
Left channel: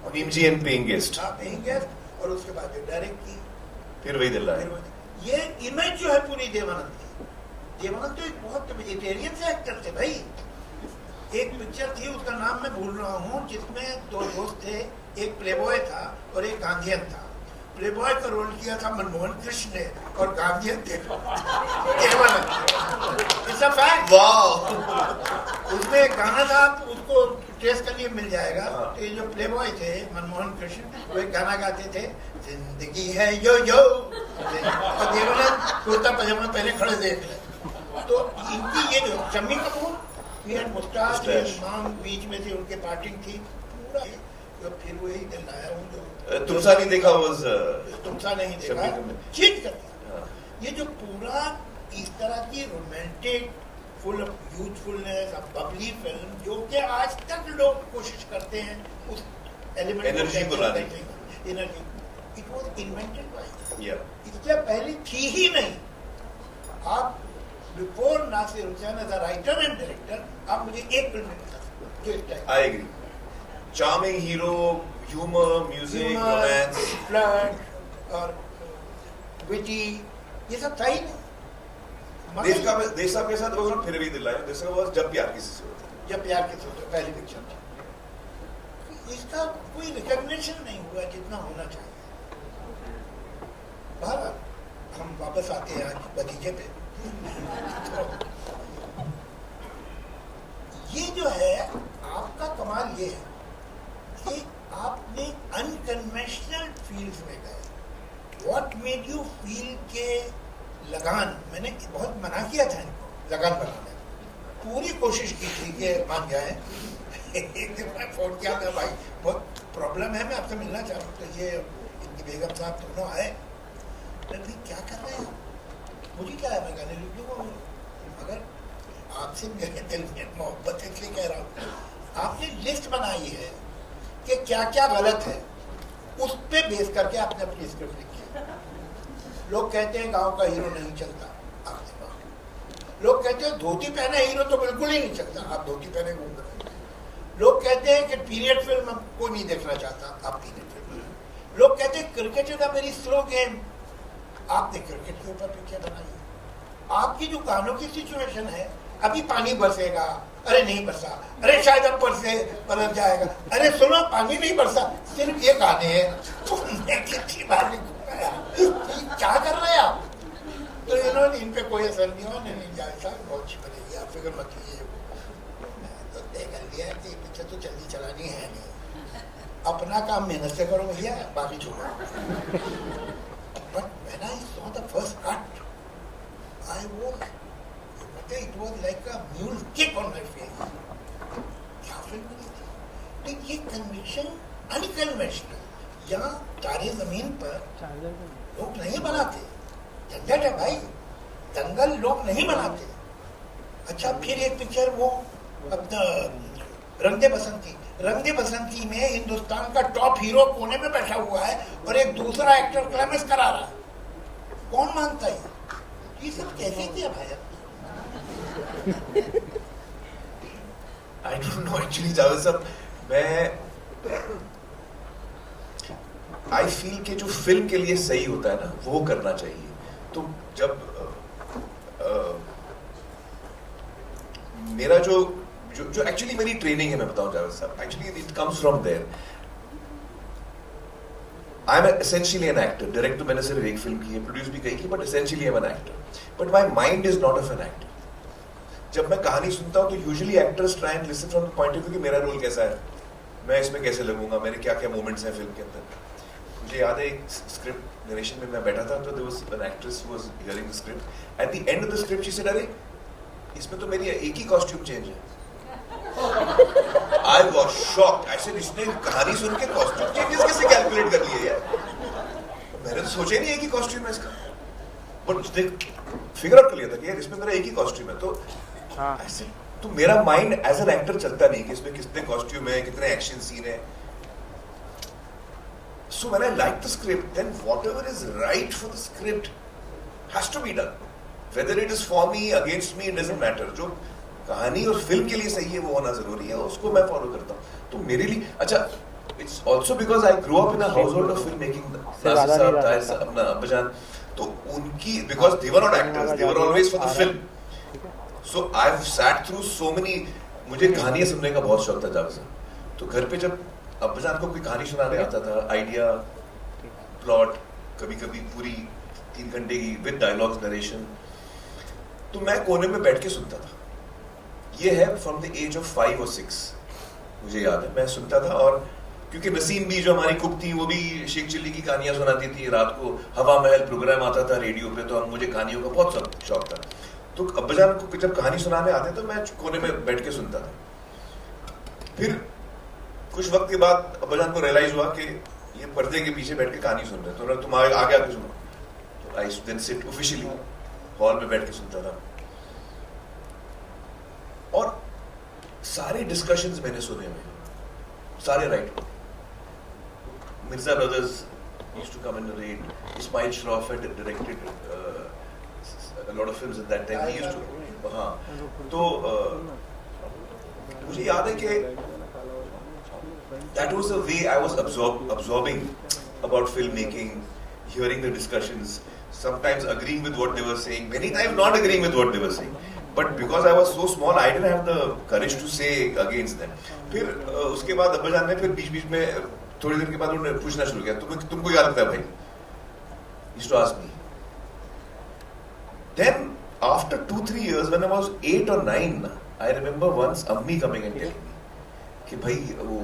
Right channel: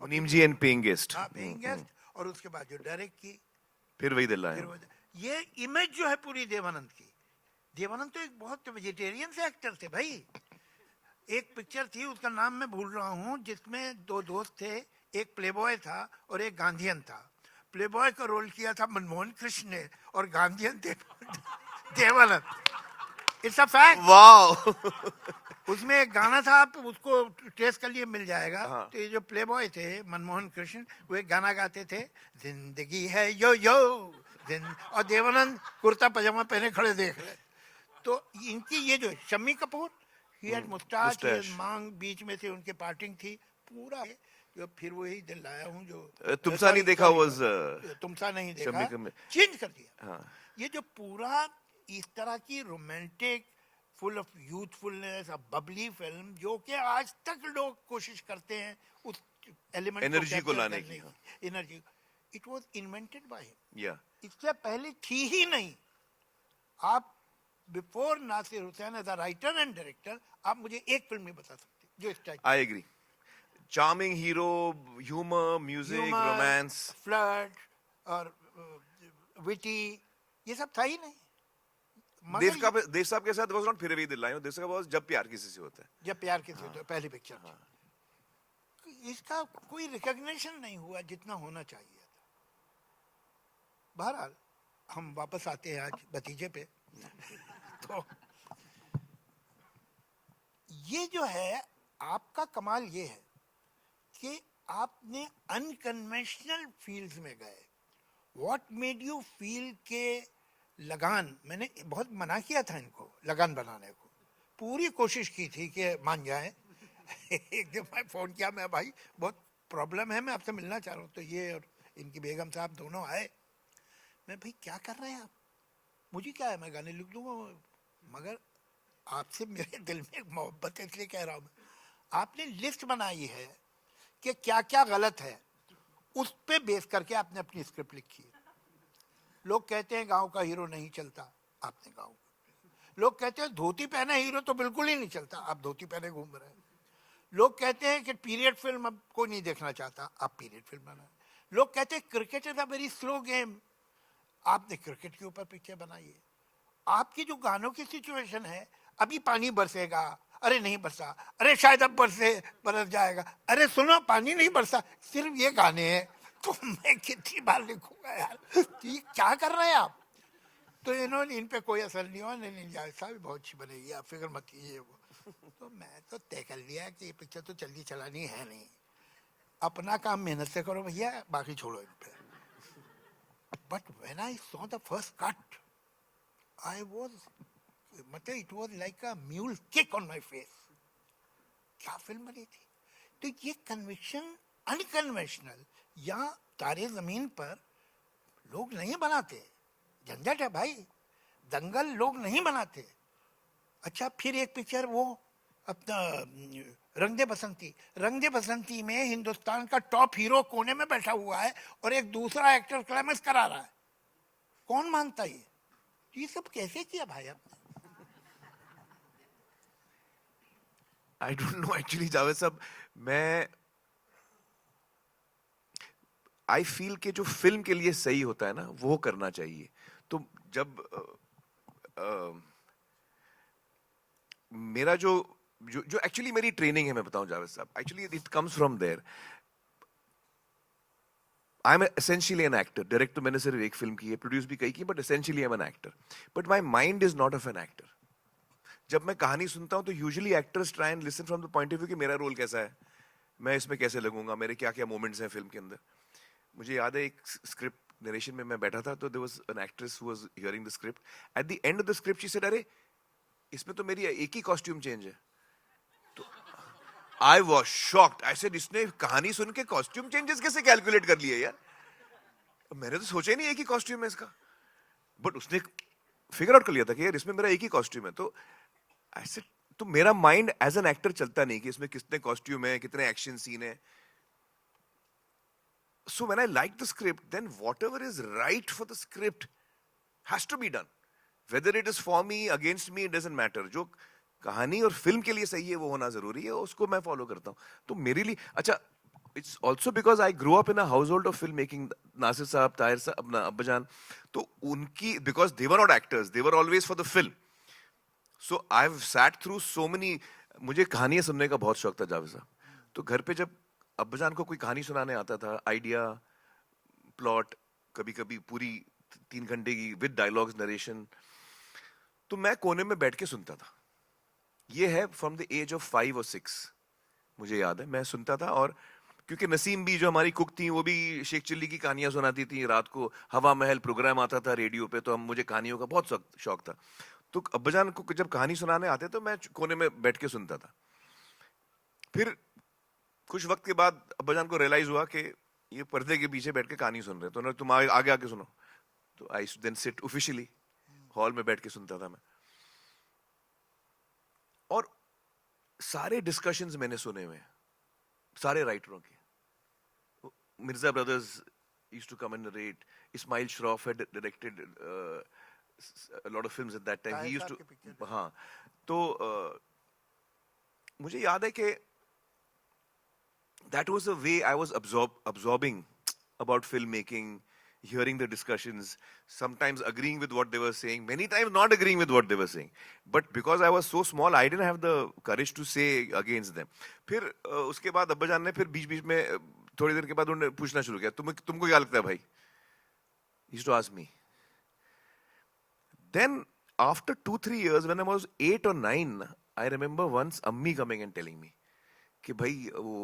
Muneem ji and Paying Guest. हाँ, Paying Guest, और उसके बाद डायरेक्ट की, फिर वही दिल है. ये इमेज जो है पूरी देवानंद की. देवानंद तो एक बहुत वेजिटेरियन से एक्टर थे भाई. एक पिक्चर थी, उसका नाम मैं भूल रहा हूँ, जिसमें 2 दोस्त थे, एक प्लेबॉय था और एक गांधीयन था. प्लेबॉय का रोल किया था मनमोहन कृष्ण ने, और गांधीयन थे देवानंद. उसमें एक गाना था, उसको ट्रेस करिए मिल जाएगा. तो ये जो प्लेबॉय थे मनमोहन कृष्ण, वो एक गाना गाते थे, जिंदगी है यो यो, और देवानंद कुर्ता पजामा पहने खड़े थे. तो इनकी ये जो शम्मी कपूर, ये मुस्ताद इमाम बीच में से उनके पार्टिंग थी पूरा. तो फिर वही दिल आया उन लोग. तुमसा नहीं देखा तुमसा नहीं देखा चीज कर. ये जो पूरा इस तरह की romantic full of youthfulness of Babli film, जो कि आज तक लोग कोशिश करते हैं उस एलिमेंट एनर्जी को लाने की. Energy, it was invented by Yeah. इससे पहले थी ही नहीं। आप before Nasir Hussain as a writer and director आप मुझे एक फिल्म में बता सकते हो जो इस type I agree. Charming hero, humor, music, romance. Flirt और विटी ये सब था ही नहीं। देश का पैसा तो फिर भी दिलाया, दिस वाज जब प्यार किसी से होता है। जब प्यार के सोचो पहली पिक्चर थी, इसका कोई रिकॉग्निशन नहीं हुआ जितना होना चाहिए। बहरहाल हम वापस आते हैं आज नतीजे पे। ये जो है आपका कमाल ये है कि आपने अनकन्वेंशनल फील्ड्स में गए। व्हाट मेड यू फील के लगान, मैंने बहुत मना किया था इनको लगान बनाने, पूरी कोशिश की थी कि मान जाए। मैं फोन किया था, भाई बहुत प्रॉब्लम है, मैं आपसे मिलना चाहूँ। तो ये इनकी बेगम साहब दोनों आए, तो क्या कर रहे हैं मुझे क्या है, मैं कहने लिखू को मगर आपसे मेरे दिल में मोहब्बत है, इसलिए कह रहा हूँ। आपने लिस्ट बनाई है कि क्या क्या गलत है, उस पे बेस करके आपने अपनी स्क्रिप्ट लिखी है। लोग कहते हैं गांव का हीरो नहीं चलता, आप देखो। लोग कहते हैं धोती पहने हीरो तो बिल्कुल ही नहीं चलता, आप धोती पहने घूम रहे। लोग कहते हैं कि पीरियड फिल्म कोई नहीं देखना चाहता, आप पीरियड फिल्म। लोग कहते हैं cricket is a very slow game, आपने क्रिकेट के ऊपर पिक्चर बनाई है। आपकी जो गानों की सिचुएशन है, अभी पानी बरसेगा, अरे नहीं बरसा, अरे शायद अब बरस जाएगा, अरे सुनो पानी नहीं बरसा, सिर्फ ये गाने हैं। तो मैं कितनी बार क्या कर रहे हैं आप? तो इन्होंने इन पे कोई असर नहीं हुआ, नहीं जाए बहुत शुक्रिया आप फिक्र मत कीजिए। मैं तो तय कर लिया कि पिक्चर तो जल्दी चलानी है नहीं, अपना काम मेहनत से करो, मुझे बाकी छोड़ो। But when I saw the first cut, it was like a mule kick on my face. क्या फिल्म बनी थी? तो ये कन्वेंशन अनकन्वेंशनल, यहाँ तारे जमीन पर लोग नहीं बनाते, झंझट है भाई, दंगल लोग नहीं बनाते। अच्छा फिर एक पिक्चर वो अपना रंगे बसंती, रंगे बसंती में हिंदुस्तान का टॉप हीरो कोने में बैठा हुआ है और एक दूसरा एक्टर क्लाइमेक्स करा रहा है, कौन मानता है? ये सब कैसे किया भाई? I don't know actually, Javed साहब, मैं I feel कि जो फिल्म के लिए सही होता है ना, वो करना चाहिए। तो जब मेरा जो एक्चुअली मेरी ट्रेनिंग है, मैं बताऊं जावेद साहब, actually it comes from there. I am essentially an actor. Director मैंने सिर्फ एक फिल्म की है, प्रोड्यूस भी कही की, but essentially I am an actor. But my mind is not of an actor. जब मैं कहानी सुनता हूँ तो usually actors try and listen from the point of view कि मेरा रोल कैसा है, मैं इसमें कैसे लगूंगा, मेरे क्या क्या मोमेंट्स हैं फिल्म के अंदर। मुझे याद है एक स्क्रिप्ट नरेशन में मैं बैठा था, तो there was an actress was hearing the script, at the end of the script she said, अरे इसमें तो मेरी एक ही कॉस्ट्यूम चेंज है। I was shocked. I said इसने कहानी सुन के कॉस्ट्यूम चेंजेस कैसे कैलकुलेट कर लिए यार, मैंने तो सोचा नहीं है कि कॉस्ट्यूम है इसका, बट उसने फिगर आउट कर लिया था कि यार इसमें मेरा एक ही कॉस्ट्यूम है। तो ऐसे तो मेरा माइंड एज एन एक्टर चलता नहीं कि इसमें कितने कॉस्ट्यूम है, कितने एक्शन सीन है। So when I like the script, then whatever is right for the script has to be done. Whether it is for me, against me, it doesn't matter. जो कहानी और फिल्म के लिए सही है वो होना जरूरी है, उसको मैं फॉलो करता हूँ। तो मेरे लिए अच्छा, it's also because I grew up in a household of filmmaking. Nasir साहब, ताहिर साहब, अपना अब्बाजान, तो उनकी because they were not actors, they were always for the film. So I've sat through so many. मुझे कहानियाँ सुनने का बहुत शौक था जावेद साहब। तो घर पे जब अब्बाजान को कोई कहानी सुनाने आता था, आइडिया, प्लॉट, कभी कभी पूरी 3 घंटे की विद डायलॉग्स, नरेशन, तो मैं कोने में बैठ के सुनता था। ये है फ्रॉम द एज ऑफ 5 और 6, मुझे याद है मैं सुनता था। और क्योंकि नसीम भी जो हमारी कुक थी वो भी शेख चिल्ली की कहानियां सुनाती थी, रात को हवा महल प्रोग्राम आता था रेडियो पे, तो मुझे कहानियों का बहुत शौक था। तो अब्बाजान को जब कहानी सुनाने आते तो मैं कोने में बैठ के सुनता था। फिर कुछ वक्त के बाद अब्बाजान को रियलाइज हुआ कि ये पर्दे के पीछे बैठ के कहानी सुन रहे, तो तुम आगे आके सुनो। तो आई देन सिट ऑफिशियली हॉल में बैठ के सुनता था, और सारे डिस्कशंस मैंने सुने हुए, सारे writer, Mirza brothers used to come and narrate, Ismail Shroff had directed a lot of films at that time. He used to, हाँ, तो मुझे याद है कि that was the way I was absorbing about filmmaking, hearing the discussions, sometimes agreeing with what they were saying, many times not agreeing with what they were saying. But because I was so small, I didn't have the courage to say against them. फिर उसके बाद अब्बाजान ने फिर बीच-बीच में थोड़ी देर के बाद उन्होंने पूछना शुरू किया, तुमको याद क्या भाई? He used to ask me. Then after 2-3 years, when I was 8 or 9, I remember once Ammi coming and telling me कि भाई वो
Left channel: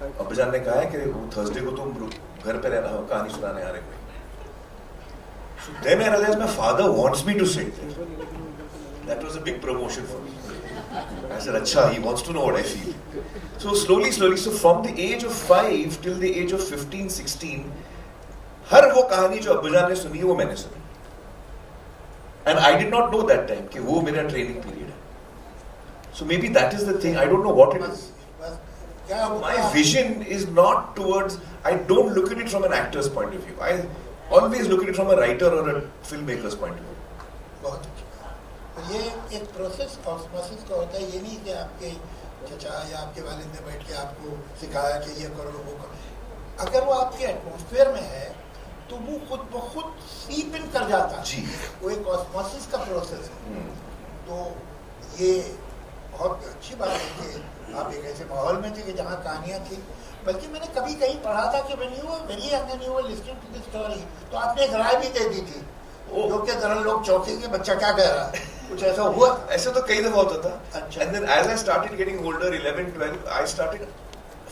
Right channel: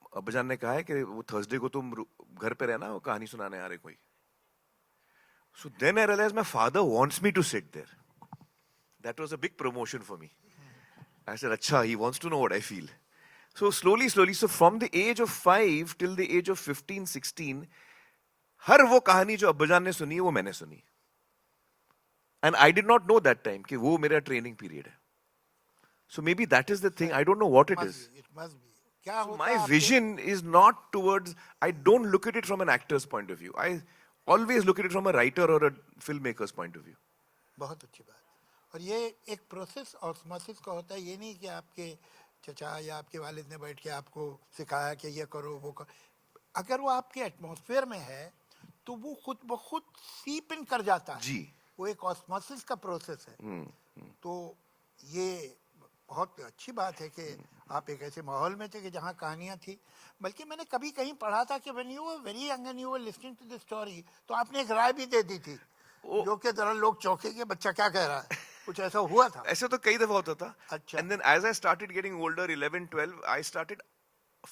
अब्बाजान ने कहा है कि वो थर्सडे को तुम घर पे रहना हो, कहानी सुनाने आ रहे थे. Then I realized my father wants me to sit there. That was a big promotion for me. I said, "Acha, he wants to know what I feel." So slowly, so from the age of 5 till the age of 15, 16, हर वो कहानी जो अब्बाजान ने सुनी वो मैंने सुनी. And I did not know that time कि वो मेरा training period है. So maybe that is the thing. I don't know what it is. My vision is not towards. I don't look at it from an actor's point of view. I always look at it from a writer or a filmmaker's point of view. बहुत अच्छा. तो ये एक process osmosis का होता है. ये नहीं कि आपके चचा या आपके वालिद ने बैठ के आपको सिखाया कि ये करो वो करो. अगर वो आपके एटमॉस्फेयर में है तो वो खुद ब खुद सीप इन कर जाता है. जी. वो एक ऑस्मोसिस का प्रोसेस है. तो ये बहुत अच्छी बात है कि आप एक ऐसे माहौल में थे कि जहाँ कहानियाँ थी. बल्कि मैंने कभी कहीं पढ़ा था कि when you were very young and you were listening to this story, तो आपने एक राय भी दे दी थी. लोग के तरह लोग चौंकेंगे बच्चा क्या कह रहा है. कुछ ऐसा हुआ? ऐसा तो कई दफा होता था. अच्छा. And then as I started getting older, 11, 12, I started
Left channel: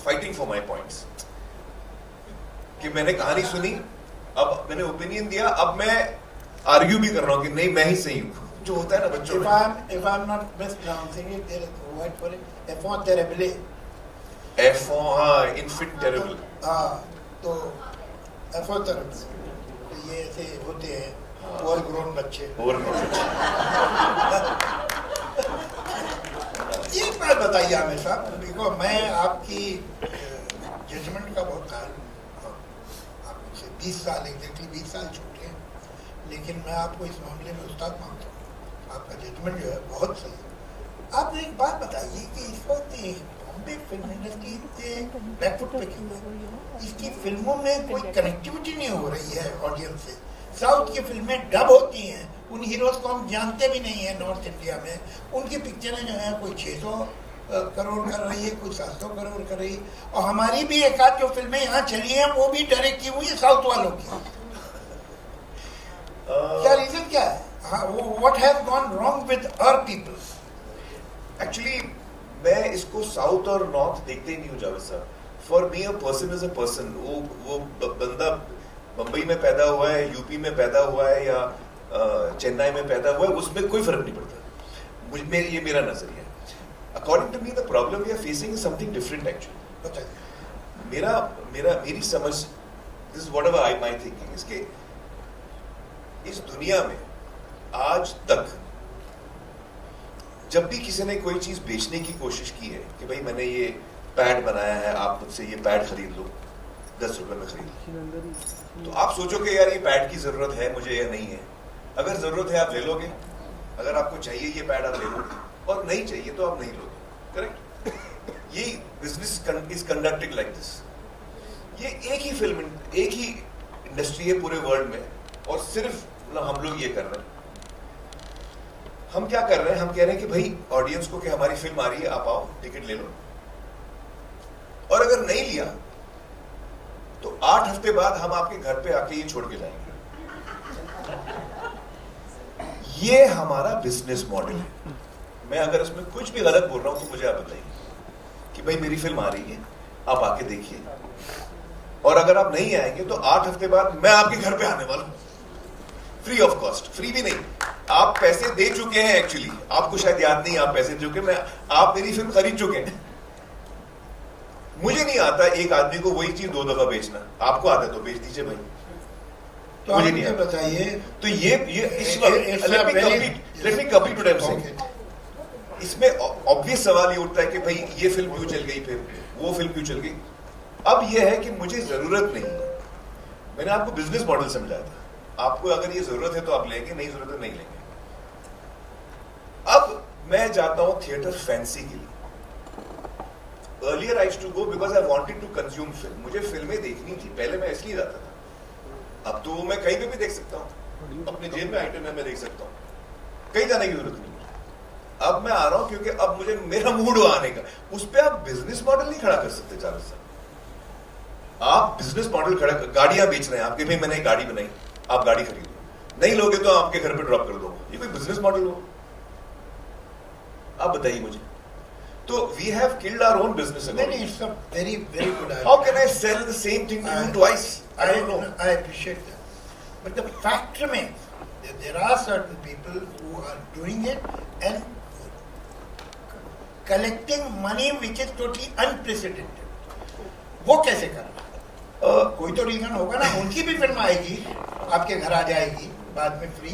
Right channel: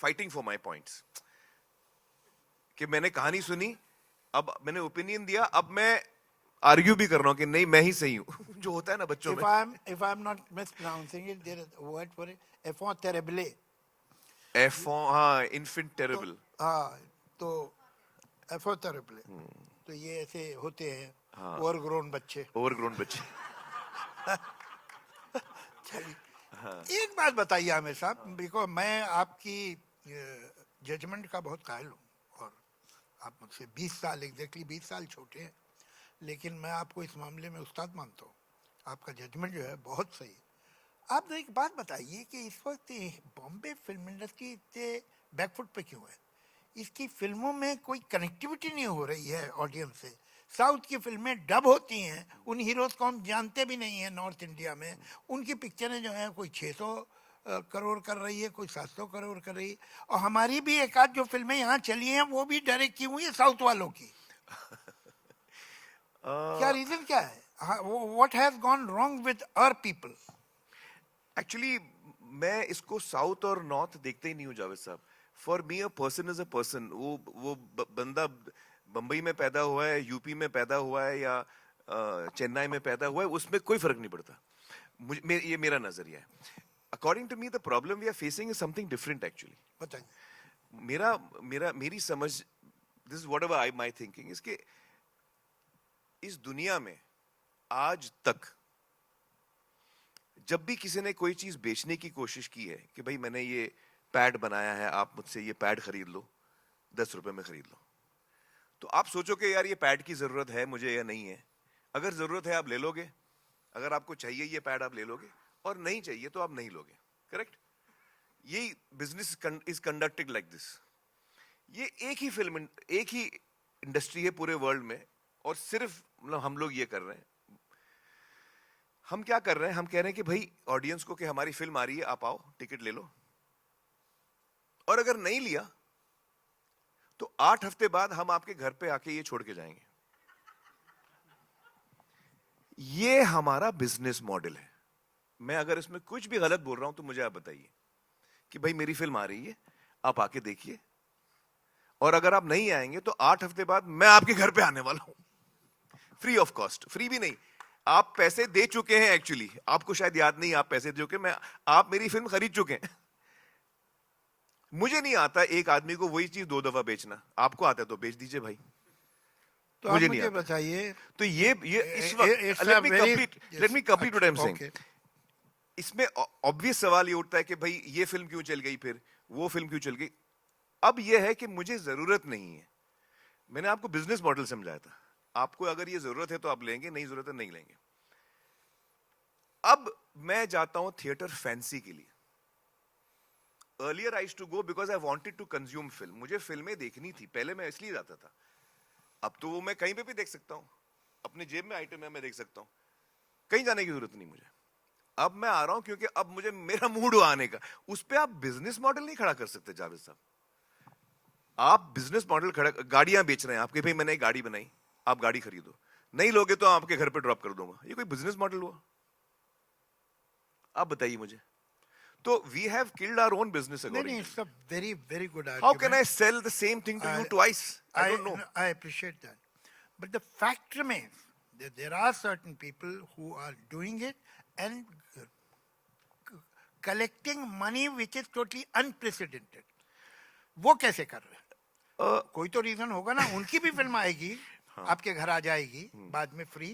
fighting for my points. कि मैंने कहानी सुनी, अब मैंने ओपिनियन दिया, अब मैं आर्ग्यू भी कर रहा हूँ कि नहीं मैं ही सही हूँ. जो होता है ना बच्चों में. If I'm not mispronouncing it, there is a word for it. Enfant terrible. Enfant, हाँ, infant terrible. हाँ, तो enfant terrible. ये ऐसे होते हैं. ओवरग्रोन बच्चे. Overgrown बच्चे. एक बात बताइए हमेशा, देखो मैं आपकी जजमेंट का बहुत ख्याल. आपसे 20 साल एग्जैक्टली 20 साल छोटे हैं, लेकिन मैं आपको इस मामले में उस्ताद मानता हूँ. आपका जजमेंट जो है बहुत सही. आप एक बात बताइए कि इस वक्त बॉम्बे फिल्म इंडस्ट्री बैकफुट पे क्यों है? इसकी फिल्मों में कोई कनेक्टिविटी नहीं हो रही है ऑडियंस से. साउथ की फिल्में डब होती हैं, उन हीरोज को हम जानते भी नहीं है. नॉर्थ इंडिया में उनकी पिक्चरें जो हैं कोई 600 करोड़ कर रही है, कोई 700 करोड़ कर रही. और हमारी भी एक आध जो फिल्में यहाँ चली हैं वो भी डायरेक्ट की हुई है साउथ वालों की. क्या रीजन क्या है? What has gone wrong with our people? Actually, मैं इसको साउथ और नॉर्थ देखते ही नहीं हूँ जावेद साहब. For me a person is a person. वो बंदा बम्बई में पैदा हुआ है, यूपी में पैदा हुआ है या चेन्नई में पैदा हुआ है, उसमें कोई फर्क नहीं पड़ता. ये मेरा नजरिया है. According to me the problem we are facing something different actually. मेरी समझ, this is whatever I my thinking, इसके इस दुनिया में आज तक जब भी किसी ने कोई चीज बेचने की कोशिश की है कि भाई मैंने ये पैड बनाया है, आप मुझसे ये पैड खरीद लो, 10 रुपए में खरीद, तो आप सोचोगे यार ये पैड की जरूरत है मुझे या नहीं है. अगर जरूरत है आप ले लोगे, अगर आपको चाहिए ये पैड आप ले लोगे, और नहीं चाहिए तो आप नहीं लोगे. करेक्ट? ये business is conducted like this. ये एक ही फिल्म, एक ही इंडस्ट्री है पूरे वर्ल्ड में, और सिर्फ हम लोग ये कर रहे हैं. हम क्या कर रहे हैं? हम कह रहे हैं कि भाई ऑडियंस को कि हमारी फिल्म आ रही है, आप आओ टिकट ले लो, और अगर नहीं लिया तो 8 हफ्ते बाद हम आपके घर पे आके ये छोड़ के जाएंगे. ये हमारा बिजनेस मॉडल है. मैं अगर इसमें कुछ भी गलत बोल रहा हूं तो मुझे आप बताइए कि भाई मेरी फिल्म आ रही है, आप आके देखिए, और अगर आप नहीं आएंगे तो 8 हफ्ते बाद मैं आपके घर पे आने वाला हूं, फ्री ऑफ कॉस्ट. फ्री भी नहीं, आप पैसे दे चुके हैं. एक्चुअली आपको शायद याद नहीं, आप पैसे दे चुके, आप मेरी फिल्म खरीद चुके हैं. मुझे नहीं आता एक आदमी को वही चीज 2 दफा बेचना. आपको आता है तो बेच दीजिए भाई. तो मुझे ये बताइए, तो इसमें ऑब्वियस सवाल ये उठता है कि भाई ये फिल्म क्यों चल गई, फिर वो फिल्म क्यों चल गई. अब ये है कि मुझे जरूरत नहीं है, मैंने आपको बिजनेस मॉडल समझाया था, आपको अगर ये जरूरत है तो आप लेंगे, नहीं जरूरत है नहीं लेंगे। अब मैं जाता हूं थिएटर फैंसी के लिए। Earlier I used to go because I wanted to consume film, मुझे फिल्में देखनी थी, पहले मैं इसलिए जाता था। अब तो मैं कहीं पे भी देख सकता हूँ, अपने जेब में आइटम है, मैं देख सकता हूँ, कहीं जाने की जरूरत नहीं। अब मैं आ रहा हूँ क्योंकि अब मुझे मेरा मूड आने का, उस पर आप बिजनेस मॉडल नहीं खड़ा कर सकते। चारों साहब आप बिजनेस मॉडल खड़ा, गाड़ियां बेच रहे हैं, आपके भी मैंने गाड़ी बनाई, आप गाड़ी खरीदो, नहीं लोगे तो आपके घर पे ड्रॉप कर दो, ये कोई बिजनेस मॉडल हो? आप बताइए मुझे। तो we have killed our own business. It's a very, very good idea. How can I sell the same thing to you twice? I don't know. I appreciate that. But the fact remains that there are certain people who are doing it and collecting money which is totally unprecedented. वो कैसे करना? कोई तो reason होगा ना, उनकी भी film आएगी, आपके घर आ जाएगी बाद में फ्री,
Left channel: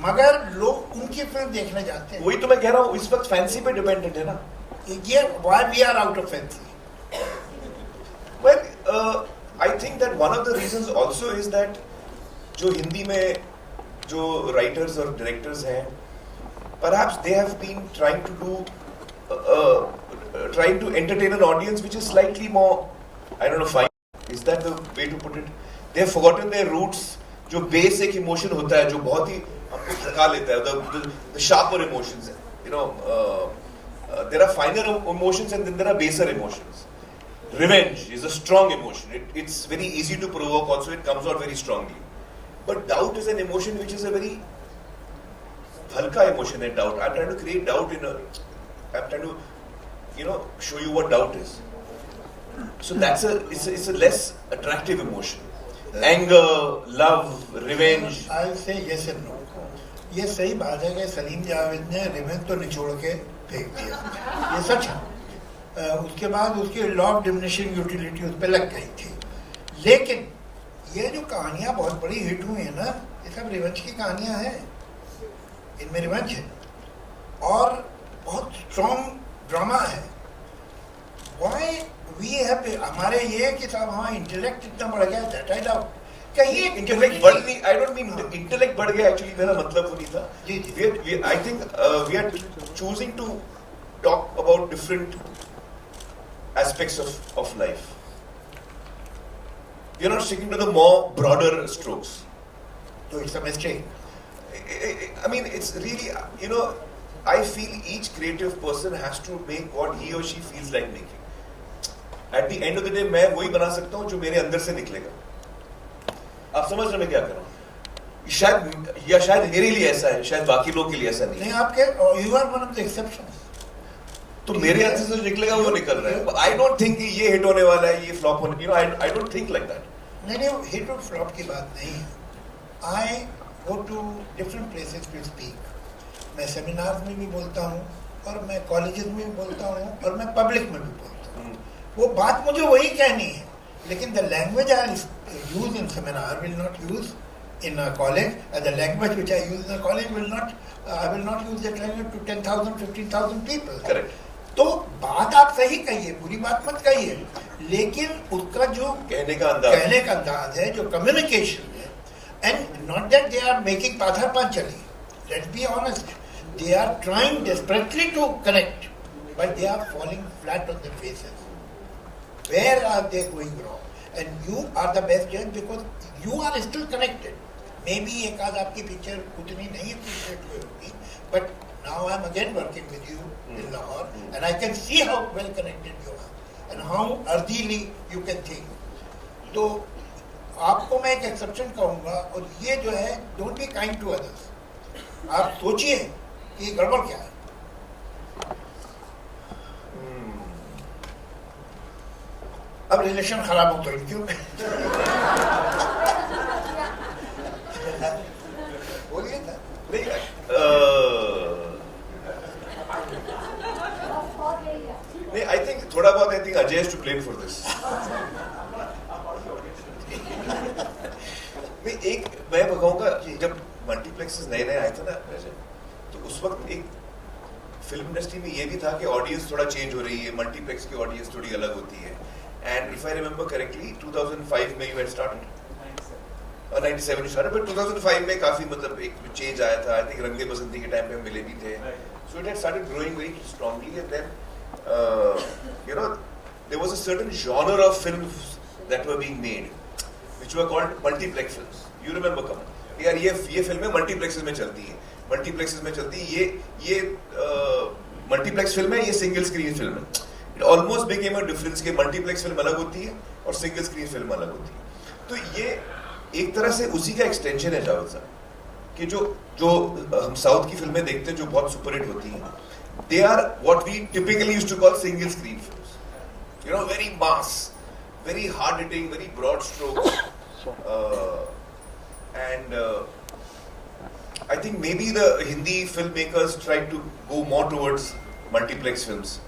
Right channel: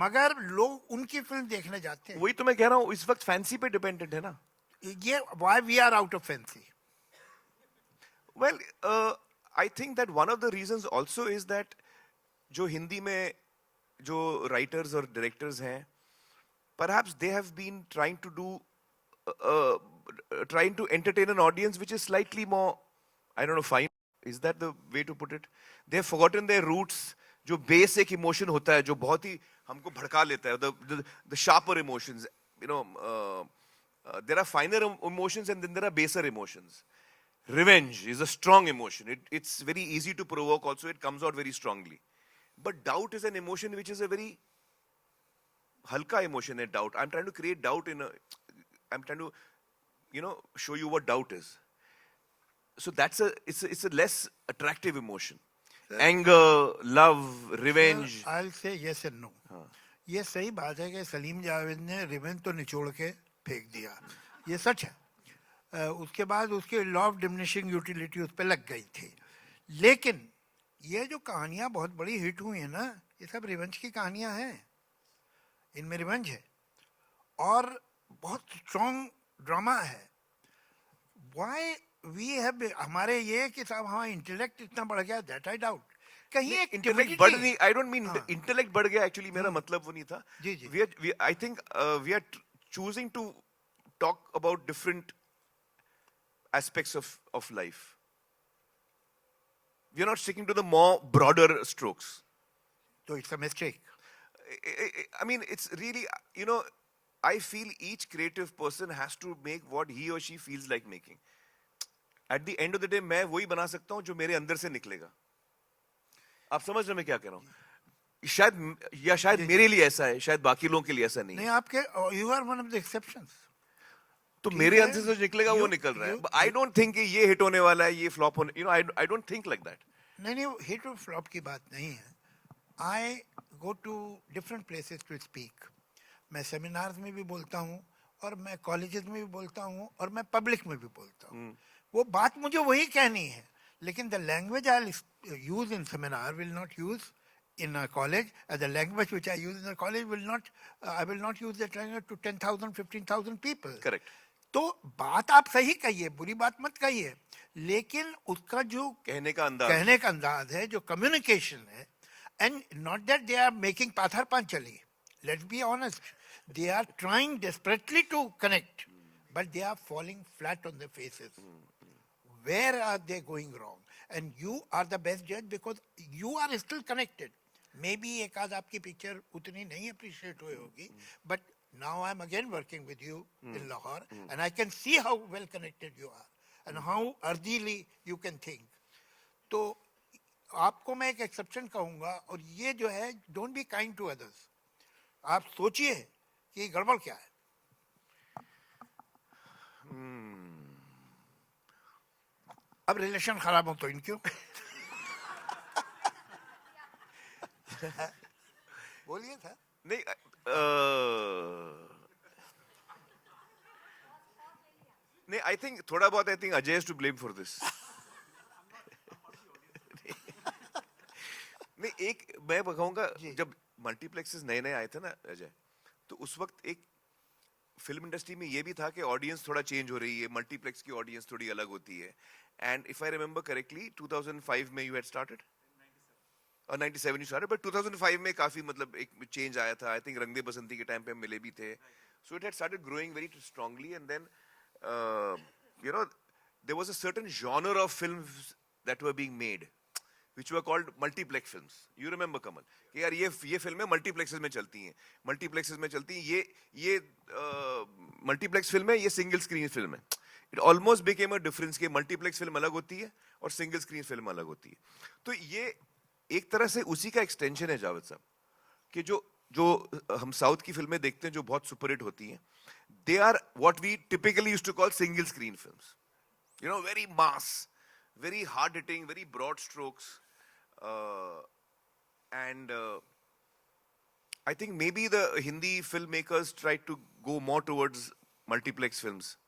मगर लोग उनकी फिल्म देखने जाते हैं। वही तो मैं कह रहा हूँ, इस वक्त फैंसी पे डिपेंडेंट है ना। ये why we are out of fancy? Well, I think that one of the reasons also is that जो हिंदी में जो writers और directors हैं, perhaps they have been trying to entertain an audience which is slightly more, I don't know, fine. Is that the way to put it? They have forgotten their roots. जो basic emotion होता है, जो बहुत ही हमको थका लेता है, the sharper emotions, you know, there are finer emotions and then there are baser emotions. Revenge is a strong emotion. It's very easy to provoke also, it comes out very strongly. But doubt is an emotion which is a very halka emotion and doubt. I'm trying to create doubt I'm trying to, show you what doubt is. So it's a less attractive emotion. Anger, love, revenge. I'll say yes and no. ये सही बात है कि सलीम जावेद ने revenge तो निचोड़ के फेंक दिया, ये सच है। उसके बाद उसकी लॉ ऑफ डिमिनिशिंग यूटिलिटी उस पर लग गई थी, लेकिन ये जो कहानियां बहुत बड़ी हिट हुई है ना, ये सब रिवेंज की कहानियां हैं, इनमें रिवेंज है और बहुत स्ट्रॉन्ग ड्रामा है। Why we have, हमारे ये कि साहब हमारा इंटेलेक्ट इतना बढ़ गया, दैट आई डाउट। कहीं इंटेलेक्ट बढ़ गई, I don't mean इंटेलेक्ट बढ़ गया, एक्चुअली मेरा मतलब तो नहीं था। I think we are choosing to talk about different aspects of life. You're not sticking to the more broader strokes. So it's a mistake. I mean, it's really, I feel each creative person has to make what he or she feels like making. At the end of the day, मैं वही बना सकता हूँ जो मेरे अंदर से निकलेगा। आप समझ रहे हैं क्या कर रहा हूँ? शायद मेरे लिए ऐसा है, शायद बाकी लोगों के लिए ऐसा नहीं है। आपके you are one of the exceptions. तो मेरे अंदर से निकलेगा वो निकल रहा है। I don't think कि ये हिट होने वाला है, ये फ्लॉप होने, I don't think like that. नहीं, हिट और फ्लॉप की बात नहीं है। I go to different places to speak. मैं सेमिनार में भी बोलता हूँ और मैं कॉलेजेस में भी बोलता हूँ और मैं पब्लिक में भी बोलता हूँ। वो बात मुझे वही कहनी है, लेकिन the language I use in seminar I will not use in a college, and the language which I use in a college I will not use that language to 10,000, 15,000 people. Correct. तो बात आप सही कहिए, बुरी बात मत कहिए, लेकिन उसका जो कहने का अंदाज है, जो कम्युनिकेशन है, and not that they are making पाथा Panchli, let's be honest, they are trying desperately to correct, but they are falling flat on their faces. Where are they going wrong? And you are the best judge because you are still connected. Maybe एक आध आपकी picture उतनी नहीं appreciate हुई होगी, but now I am again working with you in Lahore, and I can see how well connected you are and how earthily you can think. तो आपको मैं एक एक्सेप्शन कहूँगा, और ये जो है don't be kind to others. आप सोचिए कि गड़बड़ क्या है। अब रिलेशन खराब हो गई क्यों? बोलिए ना। I think थोड़ा बहुत I think Ajay has to blame for this. एक मैं कहूँगा कि जब मल्टीप्लेक्सेस नए आए थे ना, तो उस वक्त एक फिल्म इंडस्ट्री में ये भी था कि ऑडियंस थोड़ा चेंज हो रही है, मल्टीप्लेक्स की ऑडियंस थोड़ी अलग होती है। And if I remember correctly 2005 में you had started 97 started, but 2005 में काफी मतलब एक चेंज आया था. I think रंगे बसंती के टाइम पे मिले भी थे. So it had started growing very strongly, and then you know there was a certain genre of films that were being made, which were called multiplex films. You remember, Kamal? यार ये फिल्में multiplexes में चलती हैं. Multiplexes में चलती है. ये मल्टीप्लेक्स फिल्म है, ये सिंगल स्क्रीन फिल्म है. It almost became a difference कि मल्टीप्लेक्स फिल्म अलग होती है और सिंगल स्क्रीन फिल्म अलग होती है. तो ये एक तरह से उसी का एक्सटेंशन है जावेद साहब कि जो हम साउथ की फिल्में देखते हैं जो बहुत सुपरहिट होती हैं, they are what we typically used to call single screen films. You know, very mass, very hard hitting, very broad strokes, and I think maybe the Hindi filmmakers tried to go more towards multiplex films.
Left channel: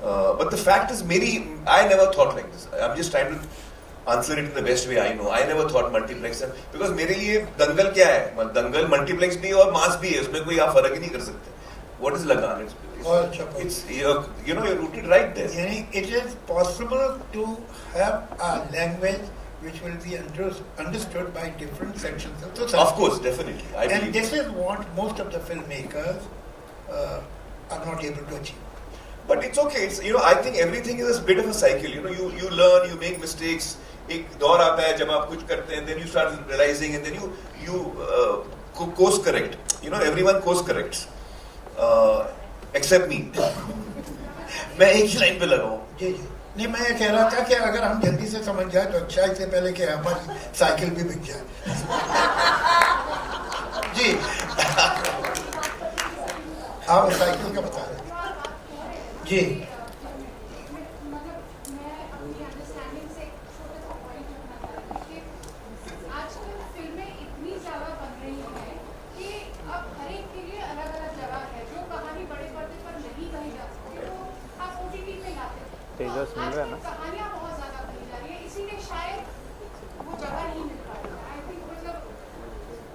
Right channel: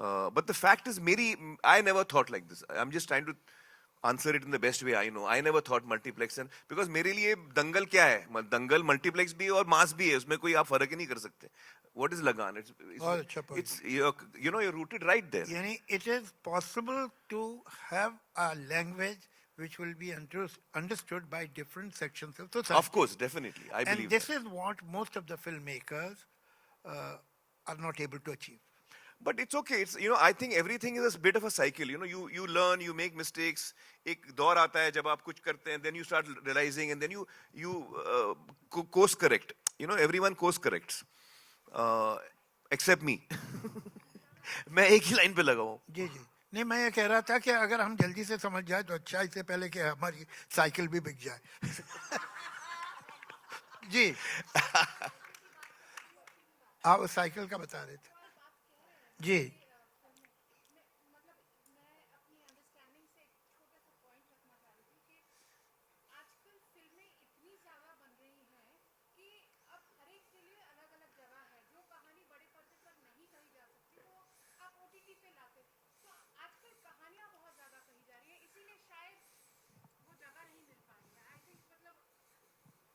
But the fact is, I never thought like this. I'm just trying to answer it the best way I know. I never thought multiplex because मेरे लिए दंगल क्या है? दंगल multiplex भी है और mass भी है. उसमें कोई आप फर्क ही नहीं कर सकते. What is Lagan? It's you're rooted right there. It is possible to have a language which will be understood by different sections of the society. Of course, definitely. And this is what most of the filmmakers are not able to achieve. But it's okay. It's, I think everything is a bit of a cycle. You learn, you make mistakes. एक दौर आता है जब आप कुछ करते हैं, then you start realizing, and then you course correct. Everyone course corrects, except me. मैं एक ही लाइन पे लगा हूँ. नहीं, मैं ये कह रहा था कि अगर हम जल्दी से समझ जाए तो अच्छा, इससे पहले कि हमारी साइकिल भी बिक जाए. जी, आप साइकिल का बता रहे. जी, तेजस मिल रहा है ना. कहानियां बहुत ज्यादा बनी जा रही है, इसीलिए शायद वो जगह नहीं मिल पा रही है. आई थिंक मतलब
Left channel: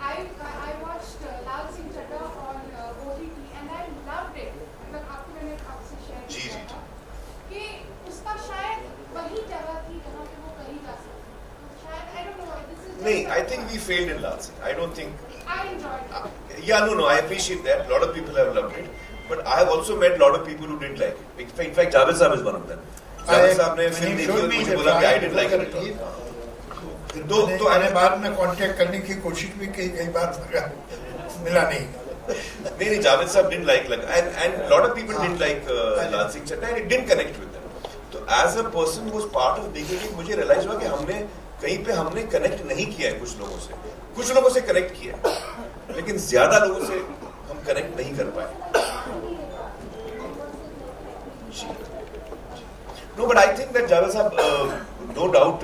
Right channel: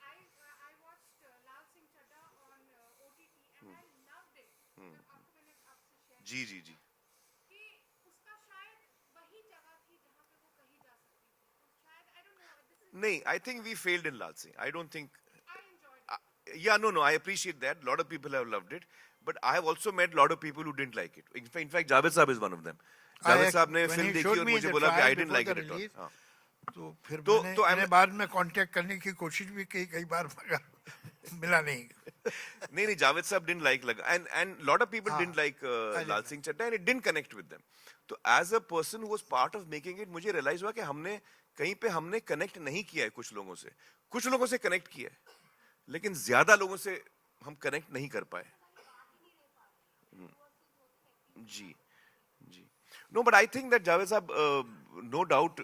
I watched Laal Singh Chaddha on OTT and I loved it. मतलब आपको मैंने आपसे शेयर किया था कि उसका शायद वही जगह थी जहाँ पे वो कही जा सकती. शायद आई डोंट नो, दिस इज नहीं, I think we failed in Lal Singh. I don't think. I enjoyed it. Yeah, no, I appreciate that. A lot of people have loved it, but I have also met a lot of people who didn't like it. In fact, Javed Saab is one of them. Javed Saab ने film देखी और मुझे बोला कि I didn't like it. तो मैंने बाद में कांटेक्ट करने की कोशिश भी की कई बार, मिला नहीं. नहीं, Javed Saab didn't like it, and a lot of people didn't like Lal Singh Chaddha, and it didn't connect with them. So as a person who was part of making it, मुझे realize हुआ कि हमने कहीं पे हमने connect नहीं किया है कुछ लोगों से connect किया है, लेकिन ज्यादा लोगों से हम connect नहीं कर पाए. No, but I think that Javed Saab, no doubt,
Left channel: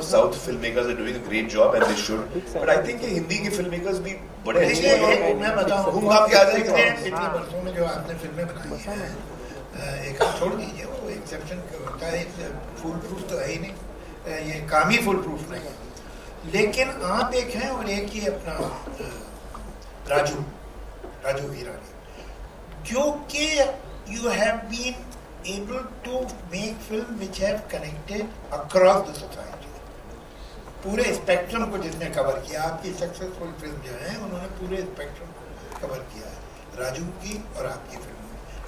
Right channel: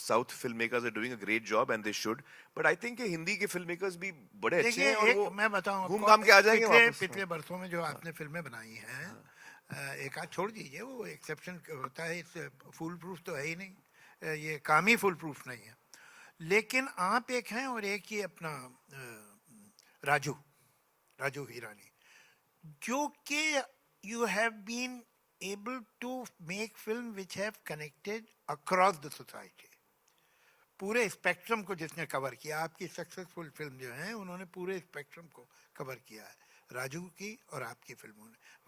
South filmmakers are doing a great job and they should. But I think Hindi के filmmakers भी बड़े अच्छे हैं. मैं बताऊं, घूम भाग के आ जाएंगे. पिछले वर्षों में जो आपने फिल्में बनाई हैं, एक छोड़ दीजिए, वो एक्सेप्शन होता है. फुल प्रूफ तो है ही नहीं, ये काम ही फुल प्रूफ नहीं है. लेकिन आप एक हैं और एक ही अपना राजू ईरानी, जो कि you have been able to make film which have connected across the society. पूरे स्पेक्ट्रम को जिसने कवर किया, आपकी सक्सेसफुल फिल्म जो है उन्होंने पूरे स्पेक्ट्रम को कवर किया है, राजू की और आपकी फिल्म.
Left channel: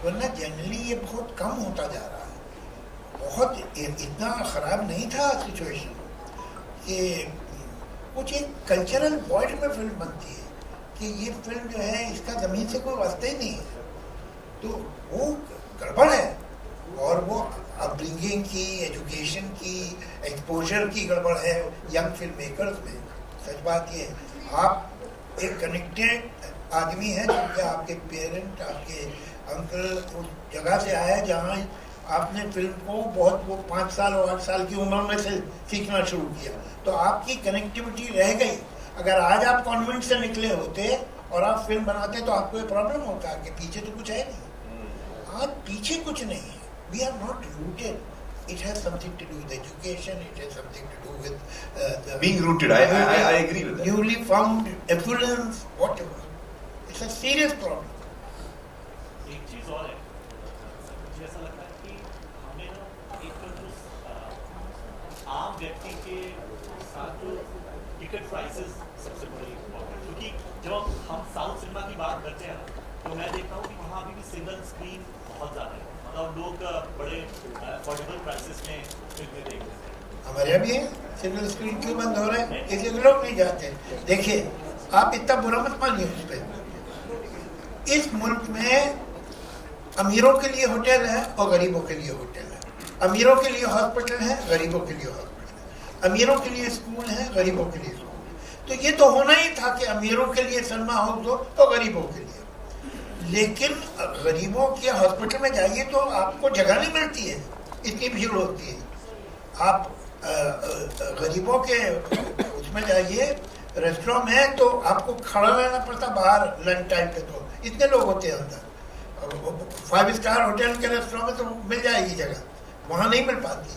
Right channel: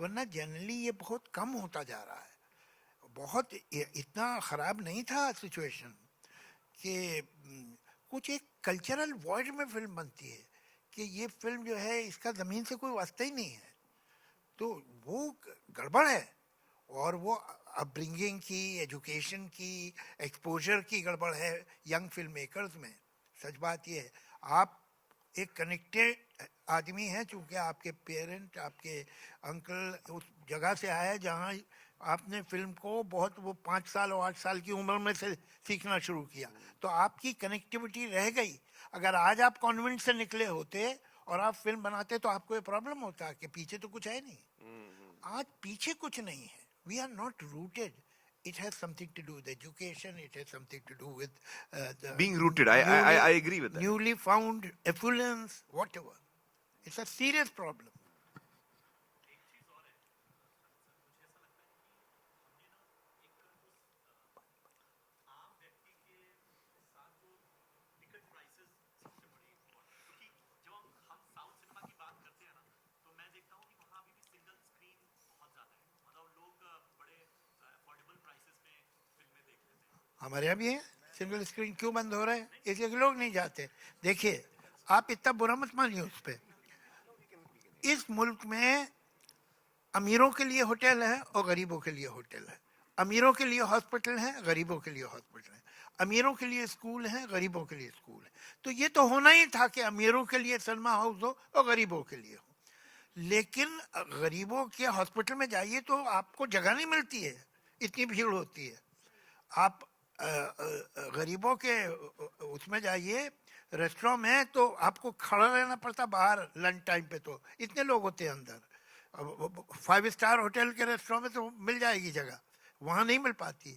वरना जनरली ये बहुत कम होता जा रहा है. बहुत इतना खराब नहीं था सिचुएशन कि कुछ एक कल्चरल पॉइंट में फिल्म बनती है कि ये फिल्म जो है इसका जमीन से कोई वास्ता ही नहीं है, तो वो गड़बड़ है. और वो अपब्रिंगिंग की, एजुकेशन की, एक्सपोजर की गड़बड़ है यंग फिल्म मेकर्स में. सच बात ये है, आप एक कनेक्टेड आदमी हैं क्योंकि आपके पेरेंट, आपके अंकल उस जगह से आए जहाँ आपने फिल्म को बहुत 5 साल और 8 साल की उम्र में से सीखना शुरू किया, तो आपकी कनेक्टिविटी रह गई. अगर आज आप कॉन्वेंट से निकले होते और आप फिल्म बनाते तो आपको ये प्रॉब्लम होता कि पीछे तो कुछ है नहीं. आज पीछे कुछ नहीं है. We are not rooted. It has something to do with education. It has something to do with being rooted. I agree with that. Newly found evidence, whatever. It's a serious problem. एक चीज और है, मुझे ऐसा लगता है कि हमें ना एक जो आम व्यक्ति के साथ जो टिकट वजह भी है सिंगल स्क्रीन क्यों बंद हो रहे हैं, किसी लोग नहीं जाते। देखिए आप इतना बुरा मत मानिए उस पर। इस मुल्क में अमीरों के लिए होटल है और गरीबों के लिए होटल है। अमीरों के लिए हॉस्पिटल है, गरीबों के लिए हॉस्पिटल है। अमीरों के लिए स्कूल है, गरीबों के लिए स्कूल है। तो ये तो होना ही था कि अमीरों के लिए सिनेमा हाउस हो और गरीबों के लिए। लेकिन गरीबों के हॉस्पिटल में जाइए तो आपको जगह नहीं मिलती है, इतनी भीड़ होती है। आप गरीबों के उसमें जाइए रेस्टोरेंट में तो आपको खड़ा रहना पड़ता बाहर लंच टाइम पे, तो इतने लोग होते हैं अंदर। 5 स्टार होटल के रेस्टोरेंट में तो मिल जाएगी जगह, वहाँ नहीं मिल पाती।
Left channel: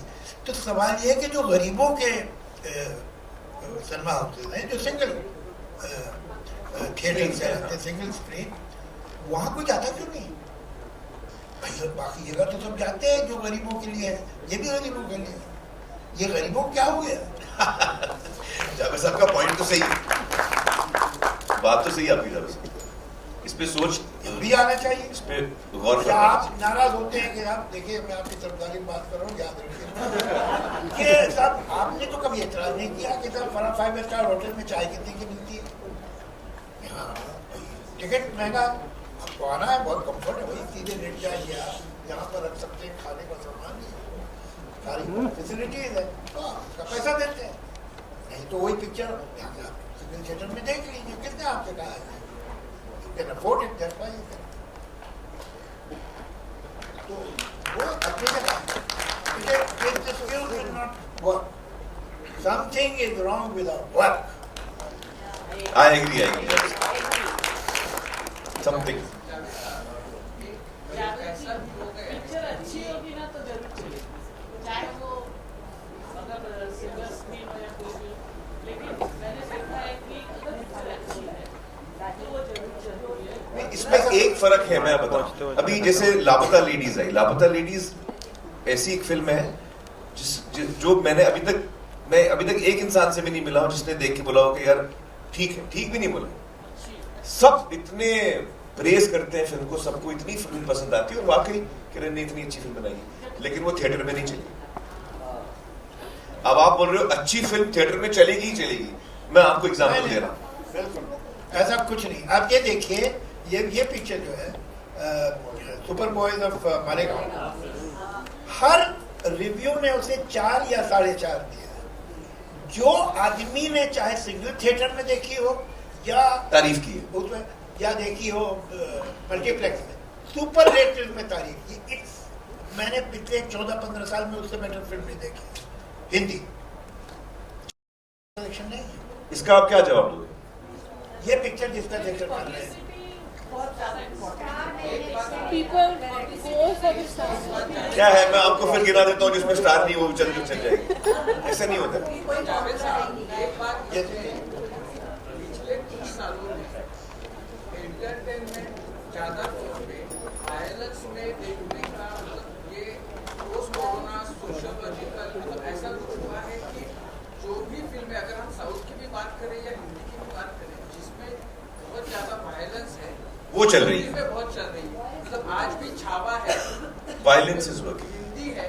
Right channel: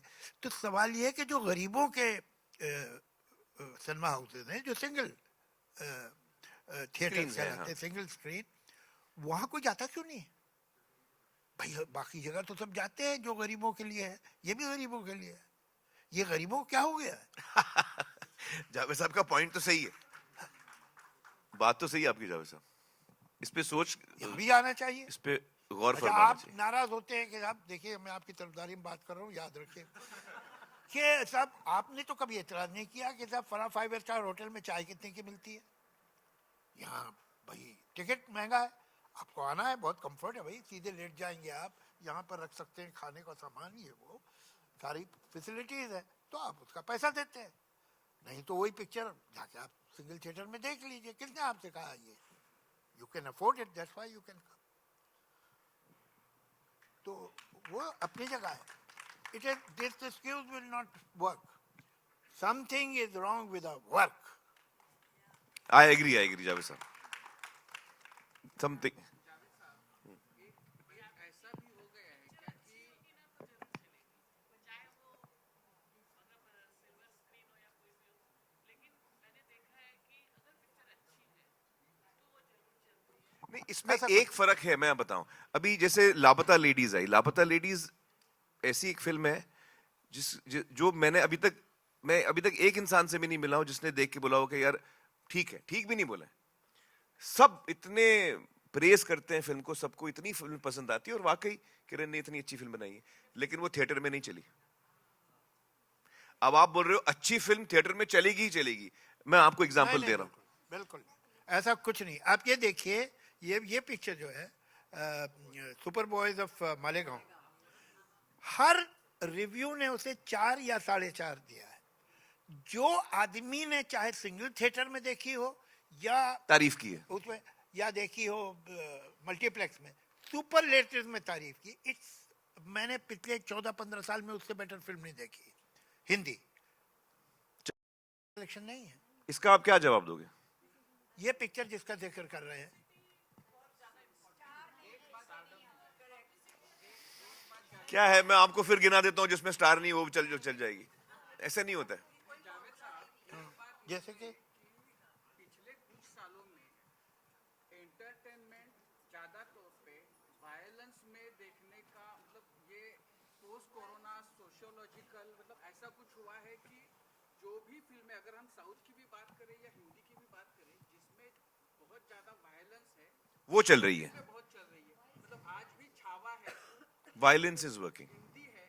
तो सवाल ये है कि जो गरीबों के सिनेमा हाउसेज हैं, जो सिंगल थिएटर्स हैं, सिंगल स्क्रीन, वहाँ कोई जाता क्यों नहीं? बाकी जगह तो सब जाते हैं जो गरीबों के लिए है, ये भी गरीबों के लिए है। ये गरीबों क्या हो गया? सबका पॉइंट तो सही, बात तो सही आपकी तरफ से। इस पे सोच भी आना चाहिए। इस पे गौर करना आप नाराज होते हैं कि आप देखिए, मैं आपकी सरकारी बात कर रहा हूँ, याद रखिए ये साहब आपने तो कभी एतराज नहीं किया कि सर 5 स्टार होटल में चाय कितने की मिलती है? हाँ, टिकट महंगा, आपको आना है, बहुत कम्फर्ट है भाई, सीधे लेट जाइए आप, जहाँ पर रख सकते हैं खाने का सामान, सारी फैसिलिटीज है, तो आपका पैसा देते हैं। नहीं तो वही पिक्चर सिविल थिएटर में देख लीजिए, किसने आपसे कहा है? Can afford it, that's why you can. तो वो अपनी जगह, the skill cannot work. Something is wrong with our work. I agree. Something. Picture अच्छी होगी ना तो जरूर चलेगी, चाहे वो अगर सिंगल स्क्रीन हो या कोई भी। लेकिन मैंने देखा है कि अगर पिक्चर अच्छी है तो वो जरूर चलती है। इसमें एक फर्क है, मैं बताऊं। अभी जैसे लापता लेडीज है, लापता लेडीज ऐसी एक फिल्म है जो मैं अभी तक एक इंसान से भी नहीं मिला हूं जिसने देख के बोला हो कि यार ठीक है, ठीक भी नहीं बोला। सब इतने प्रेज करते हैं फिल्म को, सबको इतनी फिल्म पसंद आती है और वाकई ने इतनी अच्छी फिल्म बनाई, लेकिन वो थिएटर में नहीं चली। अब आप बोल रहे हो अच्छी फिल्म थिएटर में चलेगी ही चलेगी, मैं आपको एग्जाम्पल दे रहा हूँ। बिल्कुल ऐसा कुछ नहीं। आप ये देखिए, ये पिक्चर जो है super boys of Malegaon, her review ने उसे 4 या 4.5 दिया। जो आदमी ने चाहे सिंगल थिएटर में देखी हो या तारीफ की उसमें या देखी हो मल्टीप्लेक्स में, सुपर रेटेड में तारीफ की। मैंने पिछले 14-15 साल में उससे बेटर फिल्म नहीं देखी हिंदी। नहीं, इसका आप क्या जवाब दोगे? ये पिक्चर जिसका जिक्र कर रहे हैं, क्या है, मैं आपको फिर गिरा देता हूँ जिसमें स्टार नहीं, वो चल जाएगी। ऐसा नहीं होता। पिछले कुछ सालों में एंटरटेनमेंट ज्यादा तौर पे वायलेंस में देखने का मतलब ये पोस्ट कोरोना सोशियोलॉजिकल मतलब ऐसा कुछ हुआ है कि जो भी फिल्में, अगर हम साउथ की भी बात करें या हिंदी की भी बात करें, जिसमें बहुत ज्यादा वायलेंस है, वो चल रही है, बहुत चल रही है। मतलब आज भी छावा है, वायलेंस इज वर्किंग, हिंदी है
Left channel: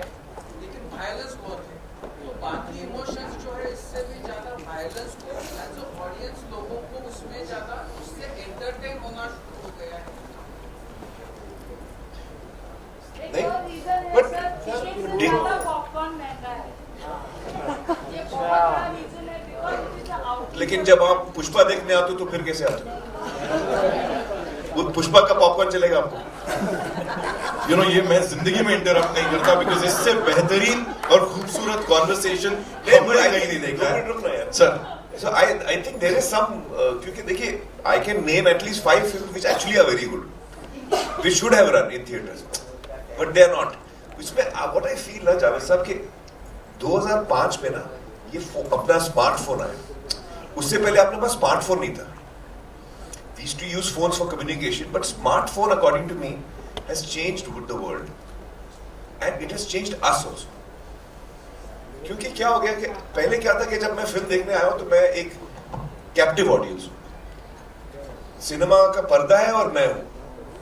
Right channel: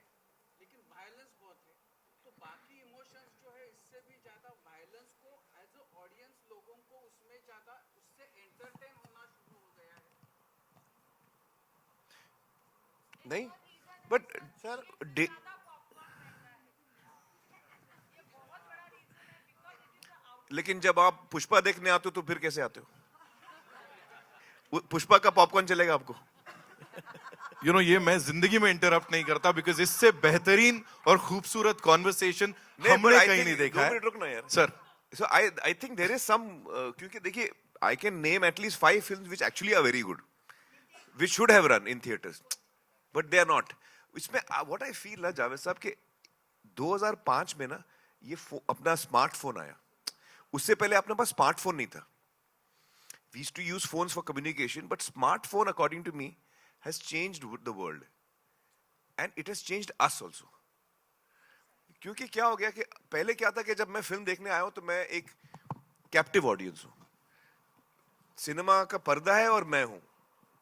लेकिन वायलेंस बहुत है। तो बाकी इमोशंस जो है इससे भी ज्यादा वायलेंस को एज अ ऑडियंस लोगों को उसमें ज्यादा उससे एंटरटेन होना शुरू हो गया है। एक और रीजन है But- सर, टिकट से Did- ज्यादा पॉपकॉर्न महंगा है। ये बहुत बड़ा रीजन है, because it is a outlet. लेकिन जब आप पुष्पा देखने आते हो तो फिर कैसे आते हो? वो पुष्पा का पॉपकॉर्न चलेगा आपको? ये मैं जिंदगी में इंटरप्ट नहीं करता, बिकॉज इससे बेहतरीन और खूबसूरत कॉन्वर्सेशन हमने नहीं देखा है sir. So I think there is some क्योंकि देखिए I can name at least 5 films which actually are very good. We should have run in theaters, but they are not. इसमें what I feel है जावेद साहब कि 2005 में ना ये अपना स्मार्टफोन आया, उससे पहले अपने पास स्मार्टफोन नहीं था. We used to use phones for communication, but smartphone, according to me, has changed the world, and it has changed us also. क्योंकि क्या हो गया कि पहले क्या था कि जब मैं फिल्म देखने आया हूं तो मैं एक कैप्टिव ऑडियंस हूं, सिनेमा का पर्दा है और मैं हूं,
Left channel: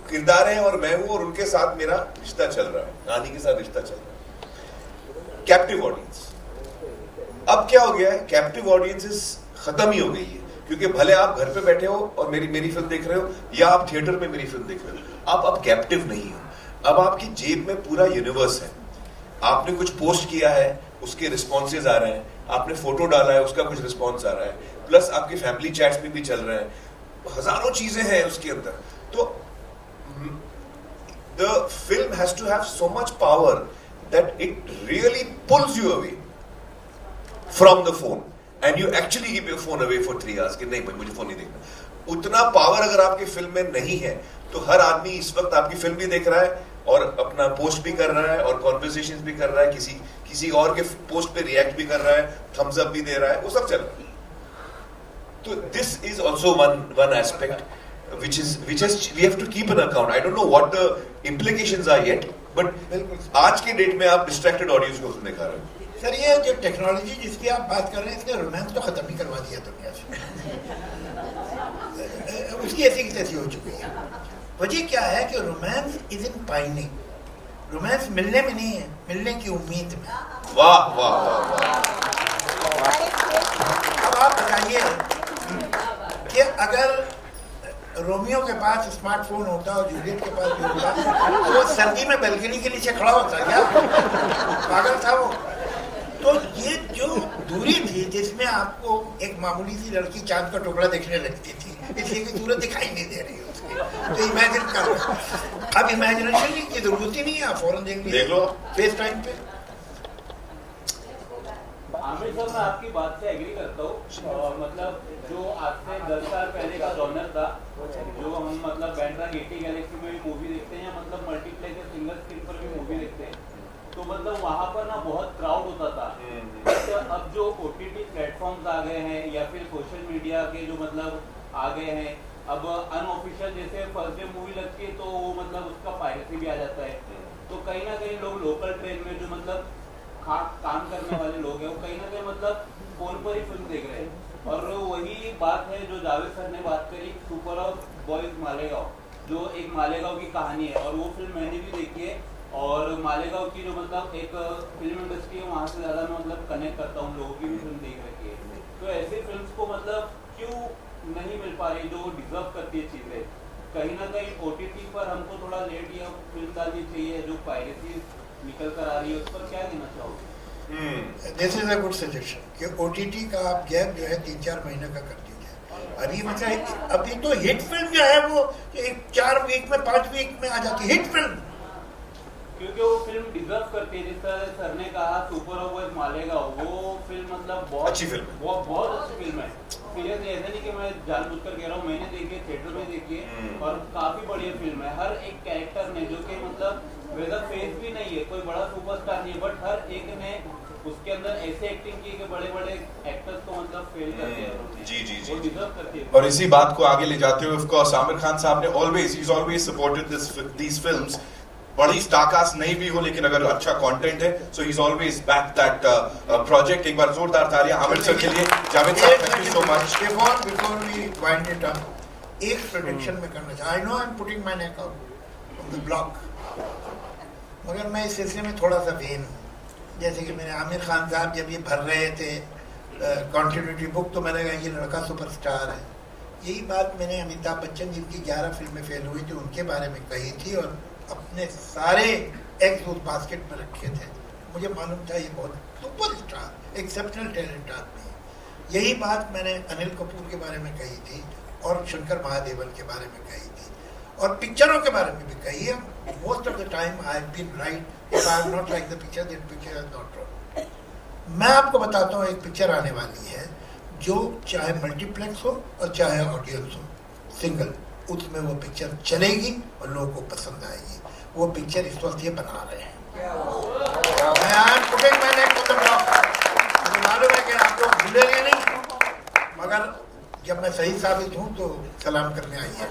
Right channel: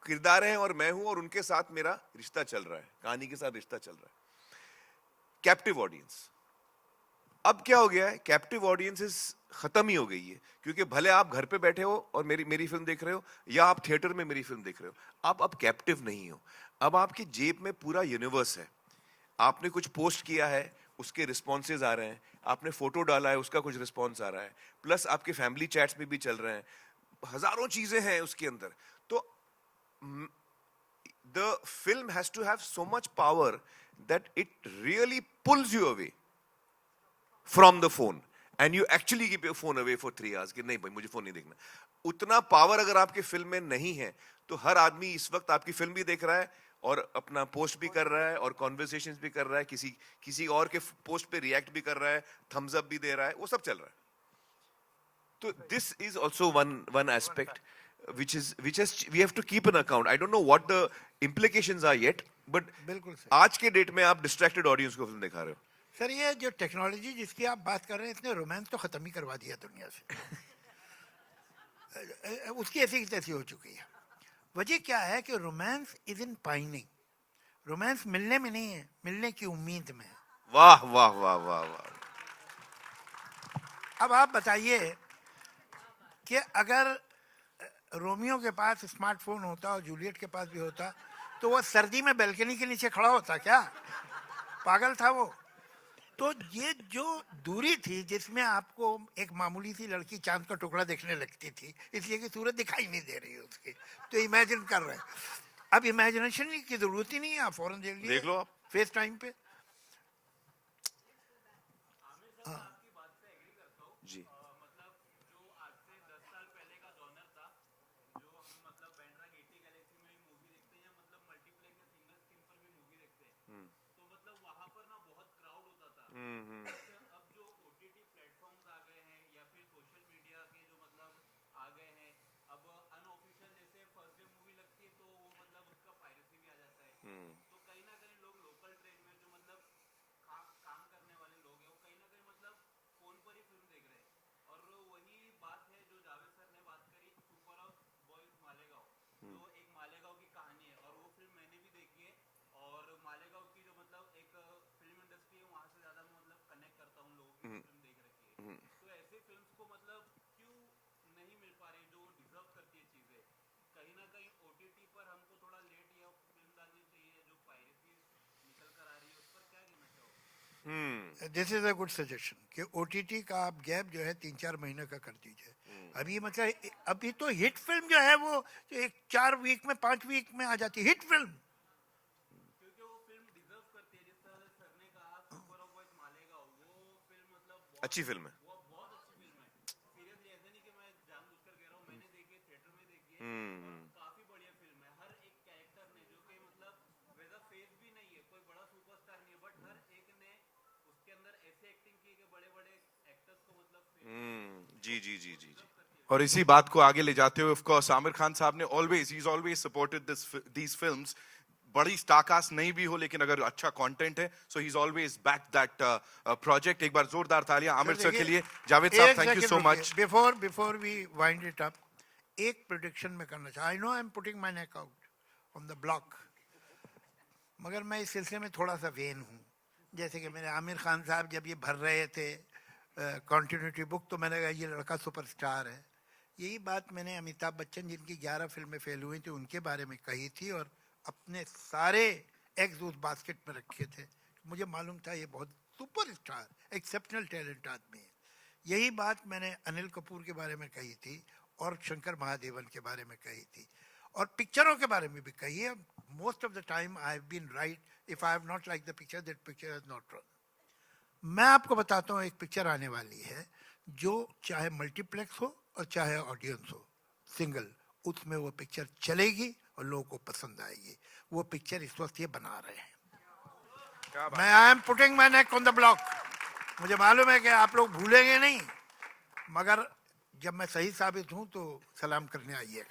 किरदार है और मैं हूं, और उनके साथ मेरा रिश्ता चल रहा है, कहानी के साथ रिश्ता चल रहा है, कैप्टिव ऑडियंस. अब क्या हो गया है, कैप्टिव ऑडियंसेस खत्म ही हो गई है, क्योंकि भले आप घर पे बैठे हो और मेरी फिल्म देख रहे हो या आप थिएटर में मेरी फिल्म देख रहे हो, आप अब कैप्टिव नहीं हो। अब आपकी जेब में पूरा यूनिवर्स है। आपने कुछ पोस्ट किया है, उसके रिस्पॉन्सेज आ रहे हैं, आपने फोटो डाला है, उसका कुछ रिस्पॉन्स आ रहा है, प्लस आपके फैमिली चैट्स में भी चल रहे हैं, हजारों चीजें हैं उसके अंदर। तो the film has to have so much power that it really pulls you away from the phone and you actually keep your phone away for 3 hours कि नहीं मैं मुझे फोन नहीं देखना। उतना पावर अगर आपकी फिल्म में नहीं है तो हर आदमी इस वक्त आपकी फिल्म भी देख रहा है और अपना पोस्ट भी कर रहा है और कॉन्वर्सेशन भी कर रहा है, किसी और के पोस्ट पे रिएक्ट भी कर रहा है, थम्स अप भी दे रहा है, वो सब चल रहा है। तो this is also one aspect which we have to keep an account. I don't know what the implications are yet, but आज के डेट में आप distracted audience को देखा रहे हो। सर ये जो टेक्नोलॉजी जिसकी आप बात कर रहे हैं, इसका रोमांस तो खत्म ही करवा दिया दुनिया से। उसकी ऐसी की तैसी हो चुकी है। वजह क्या है कि romance is in pining, romance मिलने में नहीं है, मिलने की उम्मीद में। वाह वाह वाह वाह। अब आप बताइए कि अगर रोमियो के पास स्मार्टफोन होता और जूलियट के पास भी होता तो वो सर्दी में बैल्कनी के नीचे खड़ा होता क्या? पागल था वो। तो ये जो दूरी थी जिसमें आपको एक मामूली सी लड़की चांद का टुकड़ा देखने लगती थी, इसलिए कि सूरत दिखाई नहीं दे रही उसकी, तो इमेजिन कर। अब इमेजिनेशन की जरूरत ही नहीं है, आप फौरन देख लो फेस टाइम पे। आमिर सर, मैं आपकी बात से एग्री करता हूँ। मतलब जो आज से 10 साल पहले का जॉनर था, जो हम मतलब बैंड्रा गेटी गैलेक्सी में भी मूवी देखते हैं या मतलब मल्टीप्लेक्स या सिंगल स्क्रीन पर भी मूवी देखते हैं, तो मतलब वहाँ पर ना बहुत क्राउड होता था। तो अब जो OTT प्लेटफॉर्म्स आ गए हैं या फिर सोशल मीडिया के जो मतलब आ गए हैं, अब अनऑफिशियल जैसे फर्स्ट डे मूवी लगती है तो वो मतलब उसका पायरेसी भी आ जाता है। तो कहीं ना कहीं लोग लोकल ट्रेन में जो मतलब काम करने वाले लोग हैं, वो कहीं ना कहीं मतलब फोन पर ही फिल्म देख रहे हैं। और वही बात है जो जावेद सर ने बात करी, सुपर ऑफ बॉयज मालेगांव, जो एक मालेगांव की कहानी है, और वो फिल्म मैंने भी देखी है। और मालेगांव की जो मतलब एक फिल्म इंडस्ट्री है, वहाँ से ज़्यादा मैं मतलब कनेक्ट करता हूँ, लोगों की भी फिल्म देख रखी है। तो ऐसी फिल्म को मतलब क्यों नहीं मिल पा रही जो डिजर्व करती है चीज़ें? कहीं ना कहीं OTT पर हमको थोड़ा लेट या फिल्म डालनी चाहिए, जो पायरेसी निकल कर आ रही है, उस पर क्या देना चाहोगे? This is a good suggestion कि OTT का आप गैप जो है 3-4 महीने का कर दीजिए। अभी मतलब अभी तो हिट फिल्म जो है वो 4 वीक में 5 वीक में आ जाती है, हिट फिल्म, क्योंकि वो फिल्म डिजर्व करती है। जिस तरह सर ने कहा सुपर ऑफ बॉयज मालेगांव, वो फिल्म मतलब बहुत अच्छी फिल्म है, वो बहुत अच्छी फिल्म है। सीरियसली ऐसा नहीं कि मैं जानबूझकर कह रहा हूँ, मैंने देखी है, थिएटर में देखी है, और काफी बढ़िया फिल्म है। हर एक कैरेक्टर ने, जो कि मतलब वेदर फेस भी नहीं है, कोई बड़ा सुपरस्टार नहीं है, बट हर एक ने उसके अंदर ऐसे एक्टिंग की कि बड़े बड़े एक्टर्स को मतलब फेल करते हैं। जी जी जी, वो डिजर्व करती है। और इसी बात को आगे ले जाते हुए, ऑफ कोर्स आमिर खान साहब ने ऑलवेज सपोर्टेड दीस फिल्म्स। बड़ी स्टारकास्ट नहीं भी हो, लेकिन अगर अच्छा कंटेंट है, so he is always back that project. एक बार जोरदार तालियां आमिर सर के लिए। जावेद साहब, thank you so much. Before we wind it up, एक प्रोडिक्शन में करना चाहिए। I know I am putting my neck out of the block, मगर मैं इस सिलसिले में थोड़ा सा वेन हूँ। जैसे कि मैंने आमिर खान साहब जब ये भर रहे थे कॉन्टिन्यूटी बुक, तो मैंने कहा ये लड़का सुपरस्टार है। यही बात मैंने अमिताभ बच्चन जिनकी 11 फिल्में फेल हुई थी उनके बारे में कही थी, और अपने सारे एग्स उस बास्केट में रखे थे। मुझे मालूम था ये बहुत सुपरस्टार, एक्सेप्शनल टैलेंट आदमी है। यही बात मैंने अनिल कपूर के बारे में कही थी और शंकर महादेवन के बारे में कही थी, और पिक्चरों के बारे में भी कही है। Most of the time I have been right. If I have not liked the picture, that picture is not wrong. मैं आपको बताता हूँ, एक पिक्चर आने वाली है जो चाहे मल्टीप्लेक्स हो और चाहे ऑडियंस हो, सिंगल, उसमें वो पिक्चर चलेगी और लोगों को पसंद आएगी। वो पिक्चर इस वक्त ये बना रहे हैं। मैं आज पुटिंग मैंने मुझे मालूम है कि आप लोग भूलेंगे नहीं, मगर जब मैं सही साबित हूँ तो सलाम करने आइए।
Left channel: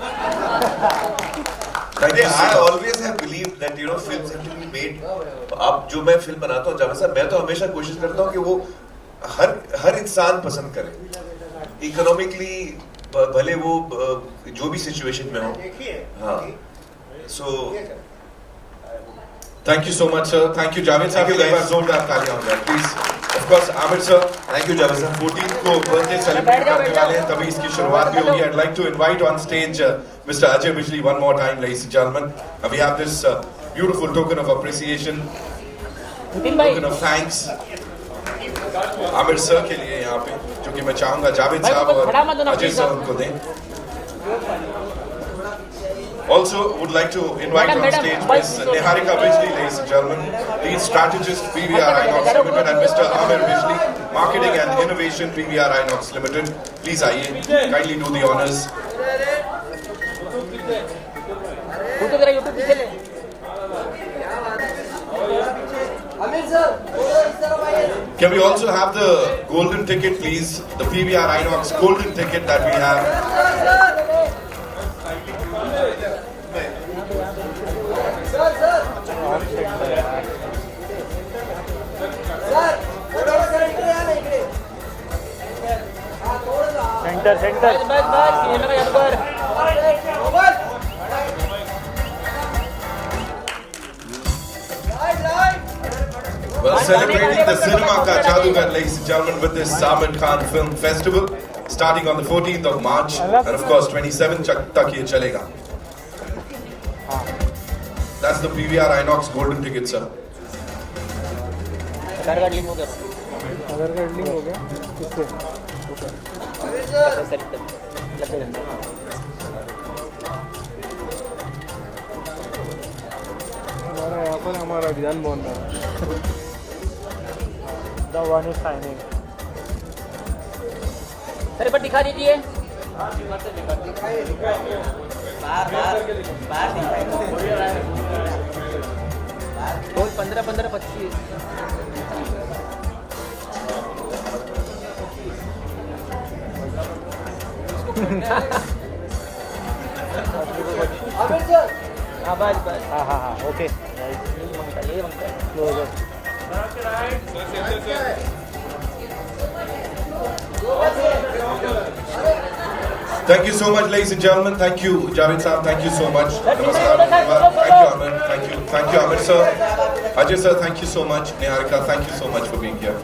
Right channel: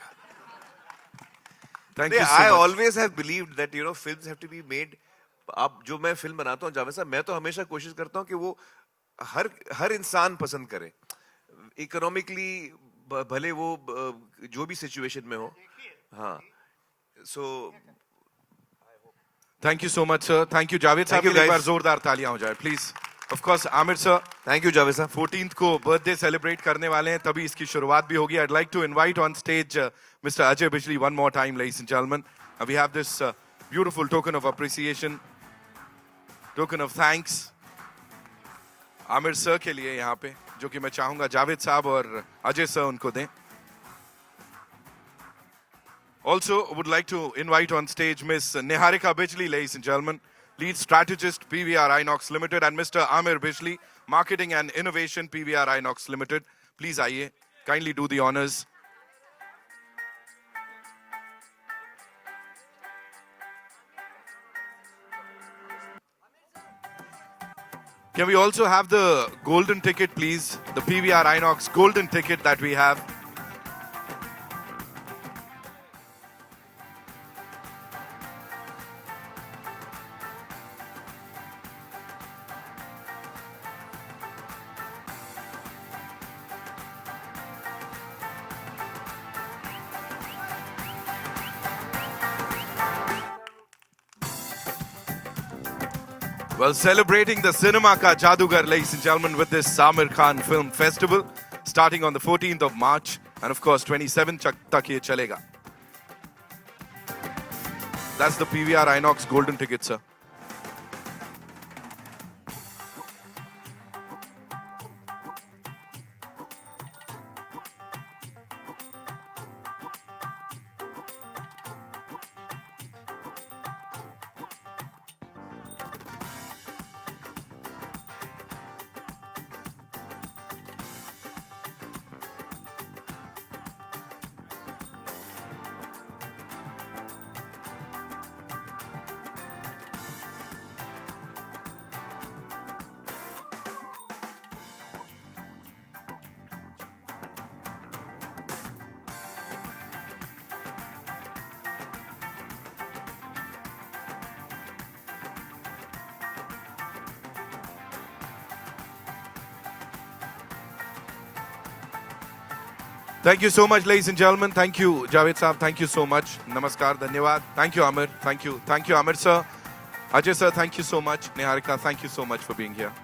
I always have believed that films have to be made. अब जो मैं फिल्म बनाता हूँ जावेद साहब, मैं तो हमेशा कोशिश करता हूँ कि वो हर इंसान पसंद करे, इकोनॉमिकली भले वो जो भी सिचुएशन में हो। हाँ, so thank you so much sir. Thank you Javed साहब, एक बार जोरदार तालियां हो जाए please. Of course, Amir sir, thank you, Javid sir. 14th को birthday celebrate करने वाले हैं, तभी इसकी शुरुआत भी होगी. I'd like to invite on stage Mr. Ajay Bijli one more time, ladies and gentlemen. And we have this beautiful token of appreciation, token of thanks. Amir sir के लिए यहाँ पे, क्योंकि मैं चाहूँगा जावेद साहब और अजय sir उनको दें. Also, would like to invite on stage Ms. Niharika Bijli, ladies and gentlemen, lead strategist PVR Inox Limited, and Mr. Amir Bijli, marketing and innovation PVR Inox Limited. Please आइए, kindly do the honors. Can we also have the golden ticket, please? The PVR Inox golden ticket that we have. Well, celebrating the cinema ka jadugar, ladies and gentlemen, with this Samir Khan Film Festival, starting on the 14th of March, and of course 27th tak ye chalega. That's the PVR Inox golden ticket, sir. यहाँ पर हमारा विधान भवन है. The one is signing. Sir एक बार दिखा दीजिए. बोल 15 15 25. हाँ बस बस. हाँ ओके. ये बनता है. Closure. Thank you so much, ladies and gentlemen. Thank you, Javed sir. Thank you so much. Namaskar. Thank you, Amir. Thank you, Amir sir. Ajay sir, thank you so much. Niharika, thank you so much for being here.